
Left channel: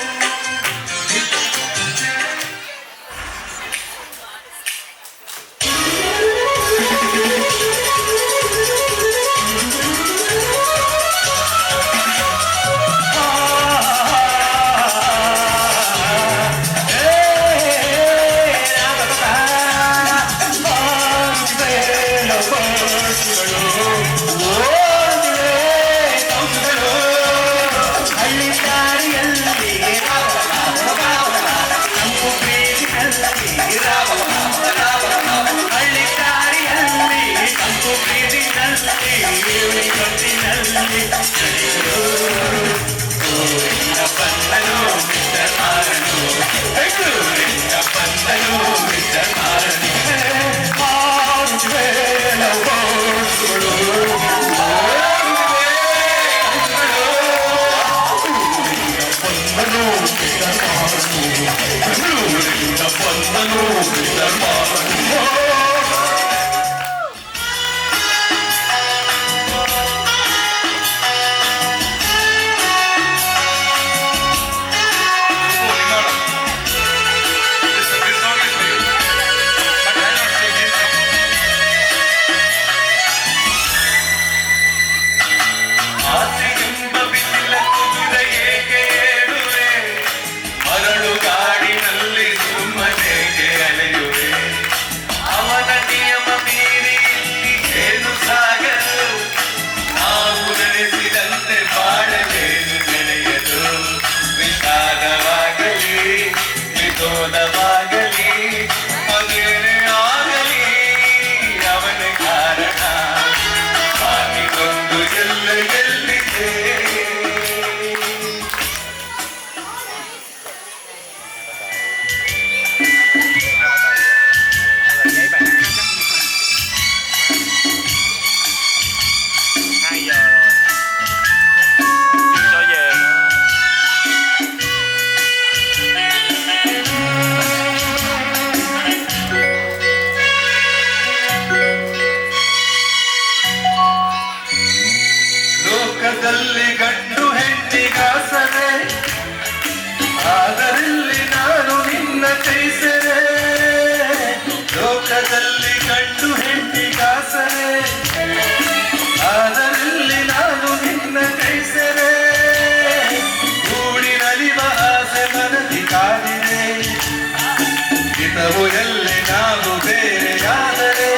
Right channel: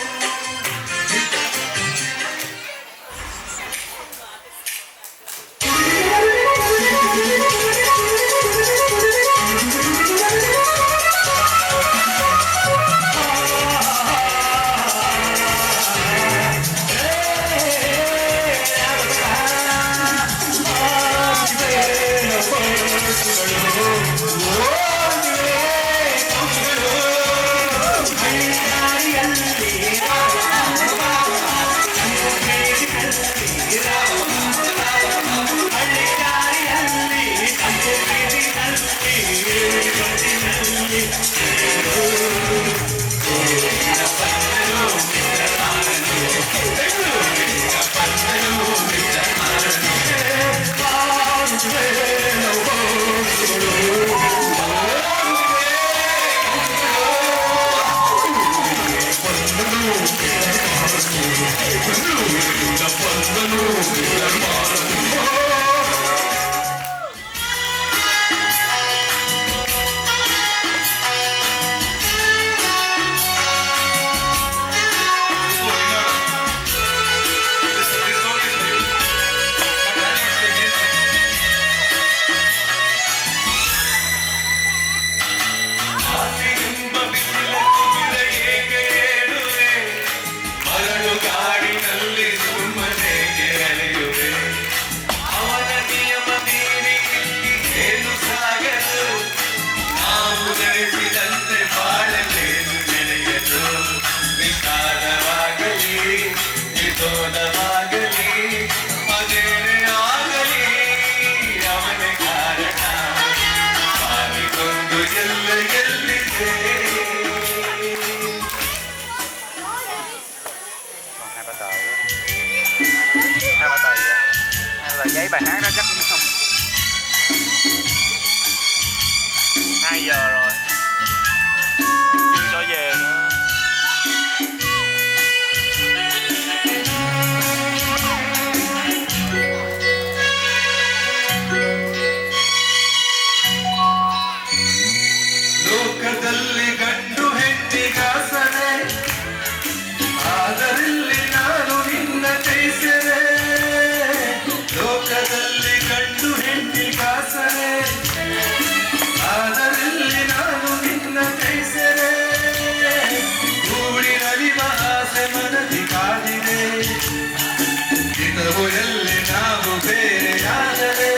ಹಿತವು ಎಲ್ಲಿ ನಾವು ಬೇರೆಯಾದರೆ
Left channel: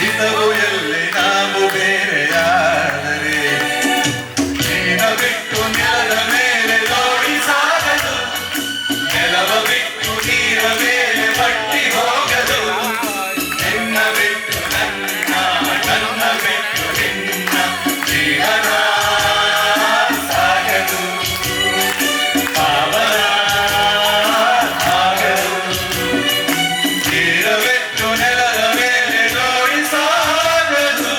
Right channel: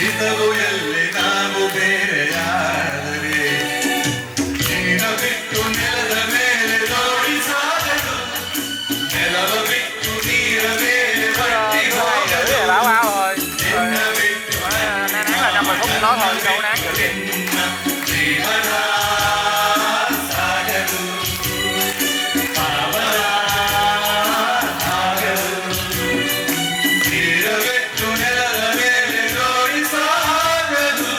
ಹಿತವು ಎಲ್ಲಿ ನಾವು ಬೇರೆಯಾದರೆ ನೀನ ಬಿಟ್ಟು ನೆಲದ ಮೇಲೆ ನೋಡಿ ಸಾಗದು ನೆಲವ ಬಿಟ್ಟು ನೀರ ಮೇಲೆ ಬಟ್ಟಿ ಹೋಗದು ನಿನ್ನ ಬಿಟ್ಟು ನನ್ನ ಬಿಟ್ಟು ನಿನ್ನ ಜೀವನ ಸಾಗದು ಪಾವನ ಆಗದು ನೀರ ಬಿಟ್ಟು ನೆಲದ ಮೇಲೆ ನೋಡಿ ಸಾಗದು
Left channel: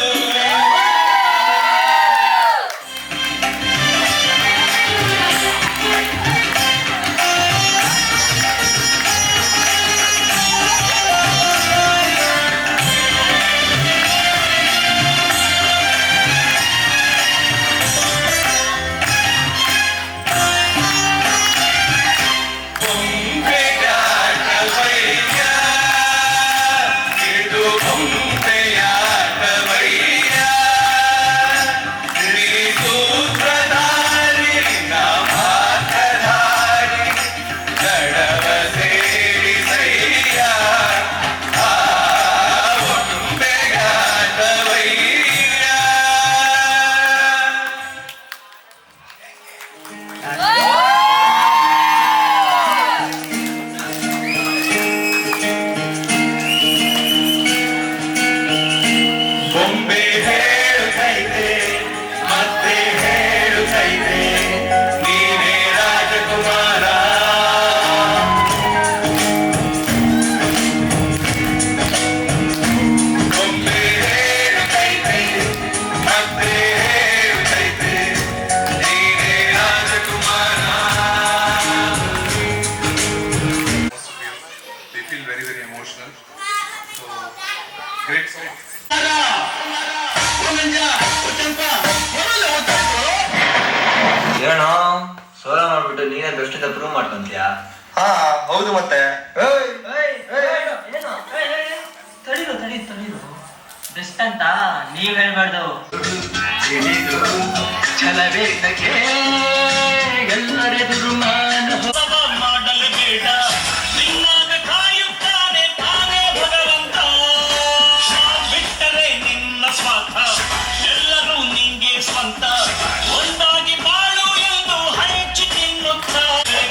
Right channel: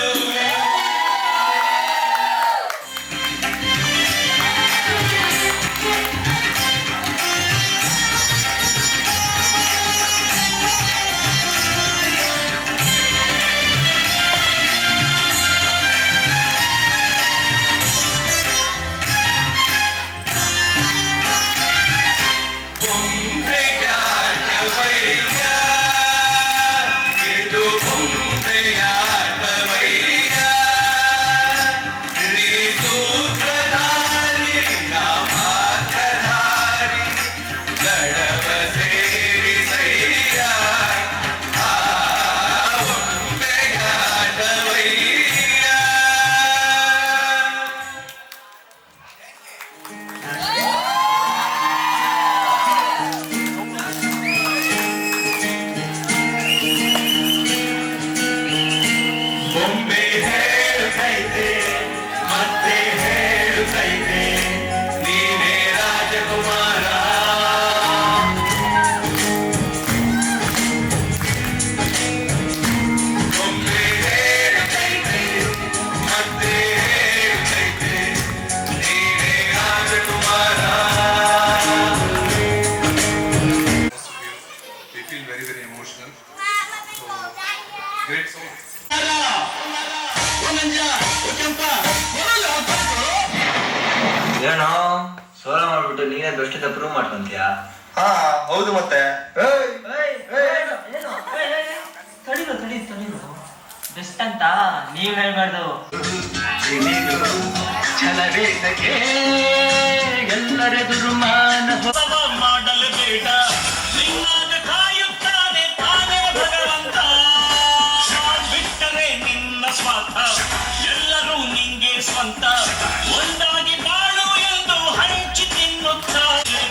ಬೊಂಬೆಯಾಟವಯ್ಯ ಇದು ಬೊಂಬೆಯಾಟವಯ್ಯ ನೀ ಸೂತ್ರಧಾರಿ ಮಾತಧಾರಿ ದಡವ ಸೇರಿಸಯ್ಯ ಆ ಬೊಂಬೆಯಾಟವಯ್ಯ ಬೊಂಬೆ ಹೇಳುತ್ತೈತೆ ಮತ್ತೆ ಹೇಳುತ್ತೈತೆ ನೀನೇ ರಾಜಕುಮಾರ ಬೊಂಬೆ ಹೇಳುತ್ತೈತೆ ಮತ್ತೆ ಹೇಳುತ್ತೈತೆ ನೀನೇ ರಾಜಕುಮಾರ. They feel very, very emotional. So, great song. ಏನೋ ಸೋಲ ಮಾಡ್ಬಿಟ್ಟು ನೀನೇ ಬೆಸ್ಟ್ ಅಂತ ಪ್ರೂವ್ ಮಾಡ್ಕೊಂತೀಯಾ? ಹಾ ಹೌದು ಮತ್ತೆ ಬೆಸ್ಟ್ ಅಂತ ನೀವ್ ಹೇಳ್ಬಾರ್ದು. ಎಲ್ಲರೆದುರು ಮಾಡಲು ಬೇಡ ನಿನ್ನಾಗ ಕಾಯುತ್ತಾನೆ ತಾನೇ ಭಗವಂತ ಬಿಟ್ಟರೆ ನಿನ್ನ ಸ್ವಾರ್ಥ ಎಲ್ಲರೂ ನಿಂಗೆ ಸ್ವಂತ ಒಂದಾಗಿ ಬಾಳು ಎಂದು ಹಂಚಿ ತಿನ್ನುತ್ತಾರೆ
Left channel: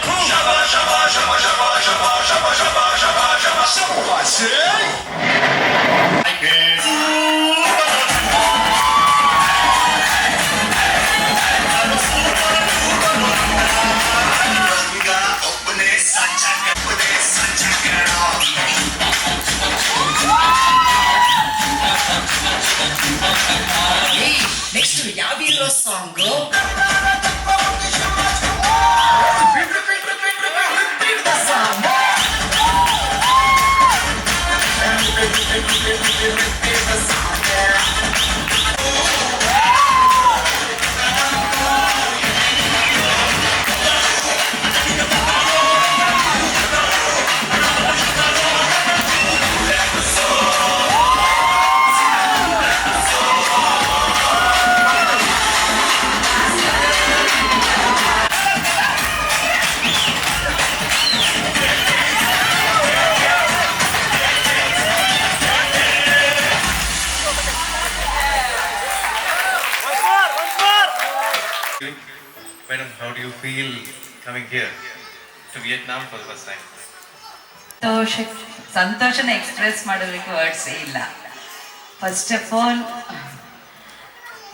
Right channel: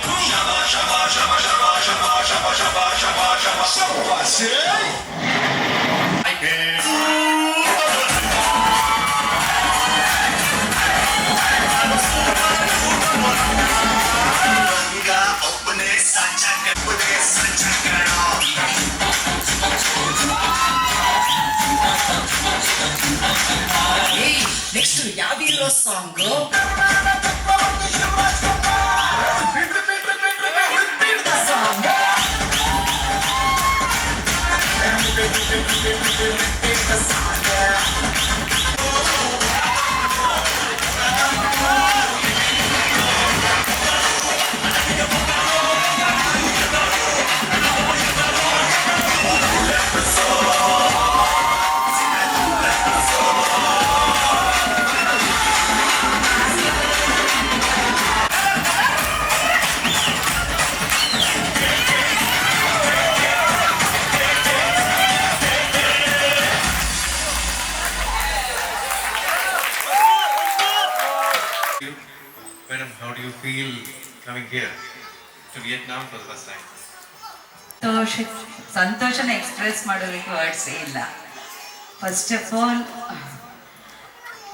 ಒಬ್ಬನೇ ಸಂಚಕರ ನೆಕ್ಸ್ಟ್ ಯಾವ hero song? Madam, how do you feel coming here to Vietnam for the first time? ಸಂತೋಷನ ಎಕ್ಸ್ಪ್ರೆಸ್ ಮಾಡೋದಕ್ಕೆ ವರ್ಡ್ಸ್ ಇಲ್ಲ. ಫಸ್ಟ್ ಆಫ್ ಆಲ್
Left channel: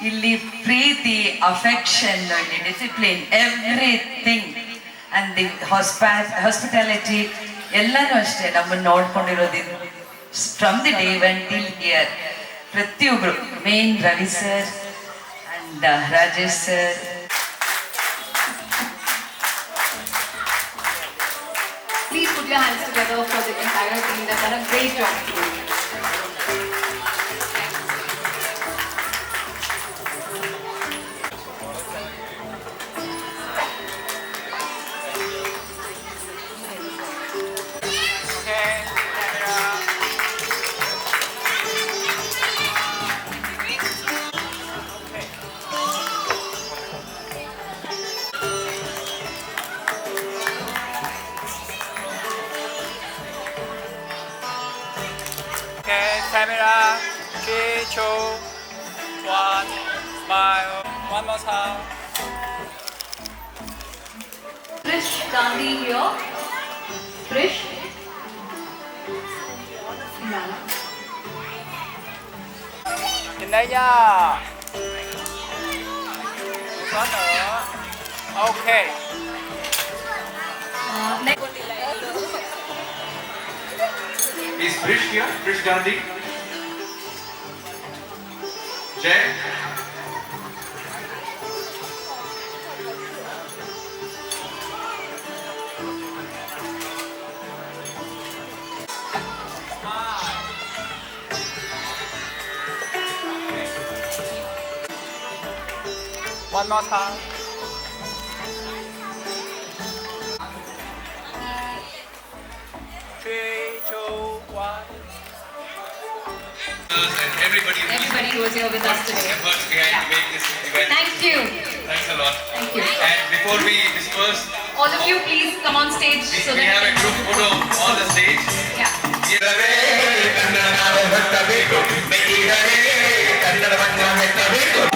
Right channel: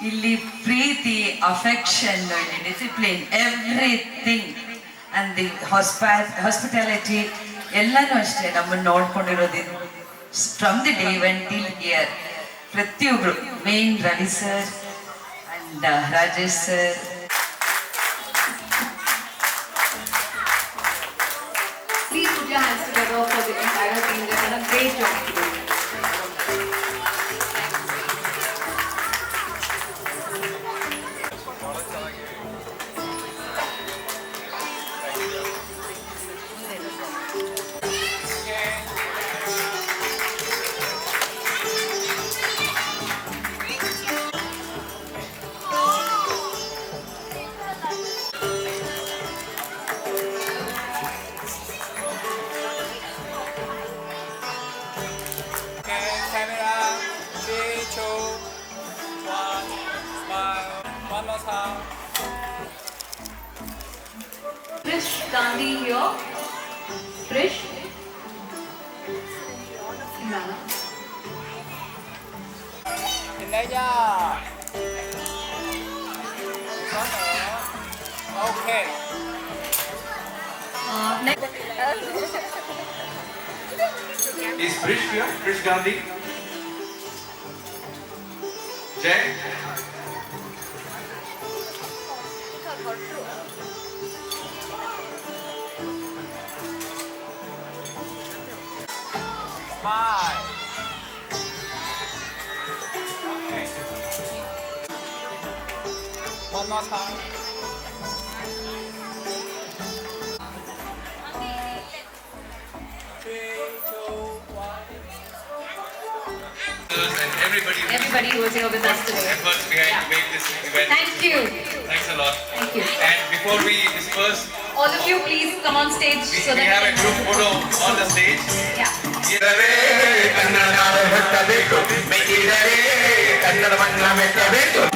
ಇಲ್ಲಿ ಪ್ರೀತಿ, ಅಫೆಕ್ಷನ್, ಇಲ್ಲಿ discipline, everything and the hospitality ಎಲ್ಲನೂ ಅಷ್ಟೇ ನಮ್ಮನ್ನು ನೋಡ್ಕೊಂಡಿರೋದು from the day when till year. ಪ್ರತಿಯೊಬ್ಬರು main Ravi sir and Rajesh sir. Please put your hands together for the entire team that done a great job today. two, one, smile. One more time. Krish Gandhi here. Krish. Nhìn đây nha. Có nữa. Ok. Next. Is Krish here? Krish Gandhi? Jay? Hi. One more time. Three, two, one. And Everybody who was here with us today. efforts behind to make this event. Thank you. Thanks a lot. Thank you. And before we disperse, All of you, please come on stage so we have a that group photo on the stage. yeah. Kannada ನಾಡು ಹುಟ್ಟಬೇಕು, ಮೆಟ್ಟಿದರೆ ಕನ್ನಡವನ್ನ ಮೆಟ್ಟಬೇಕು.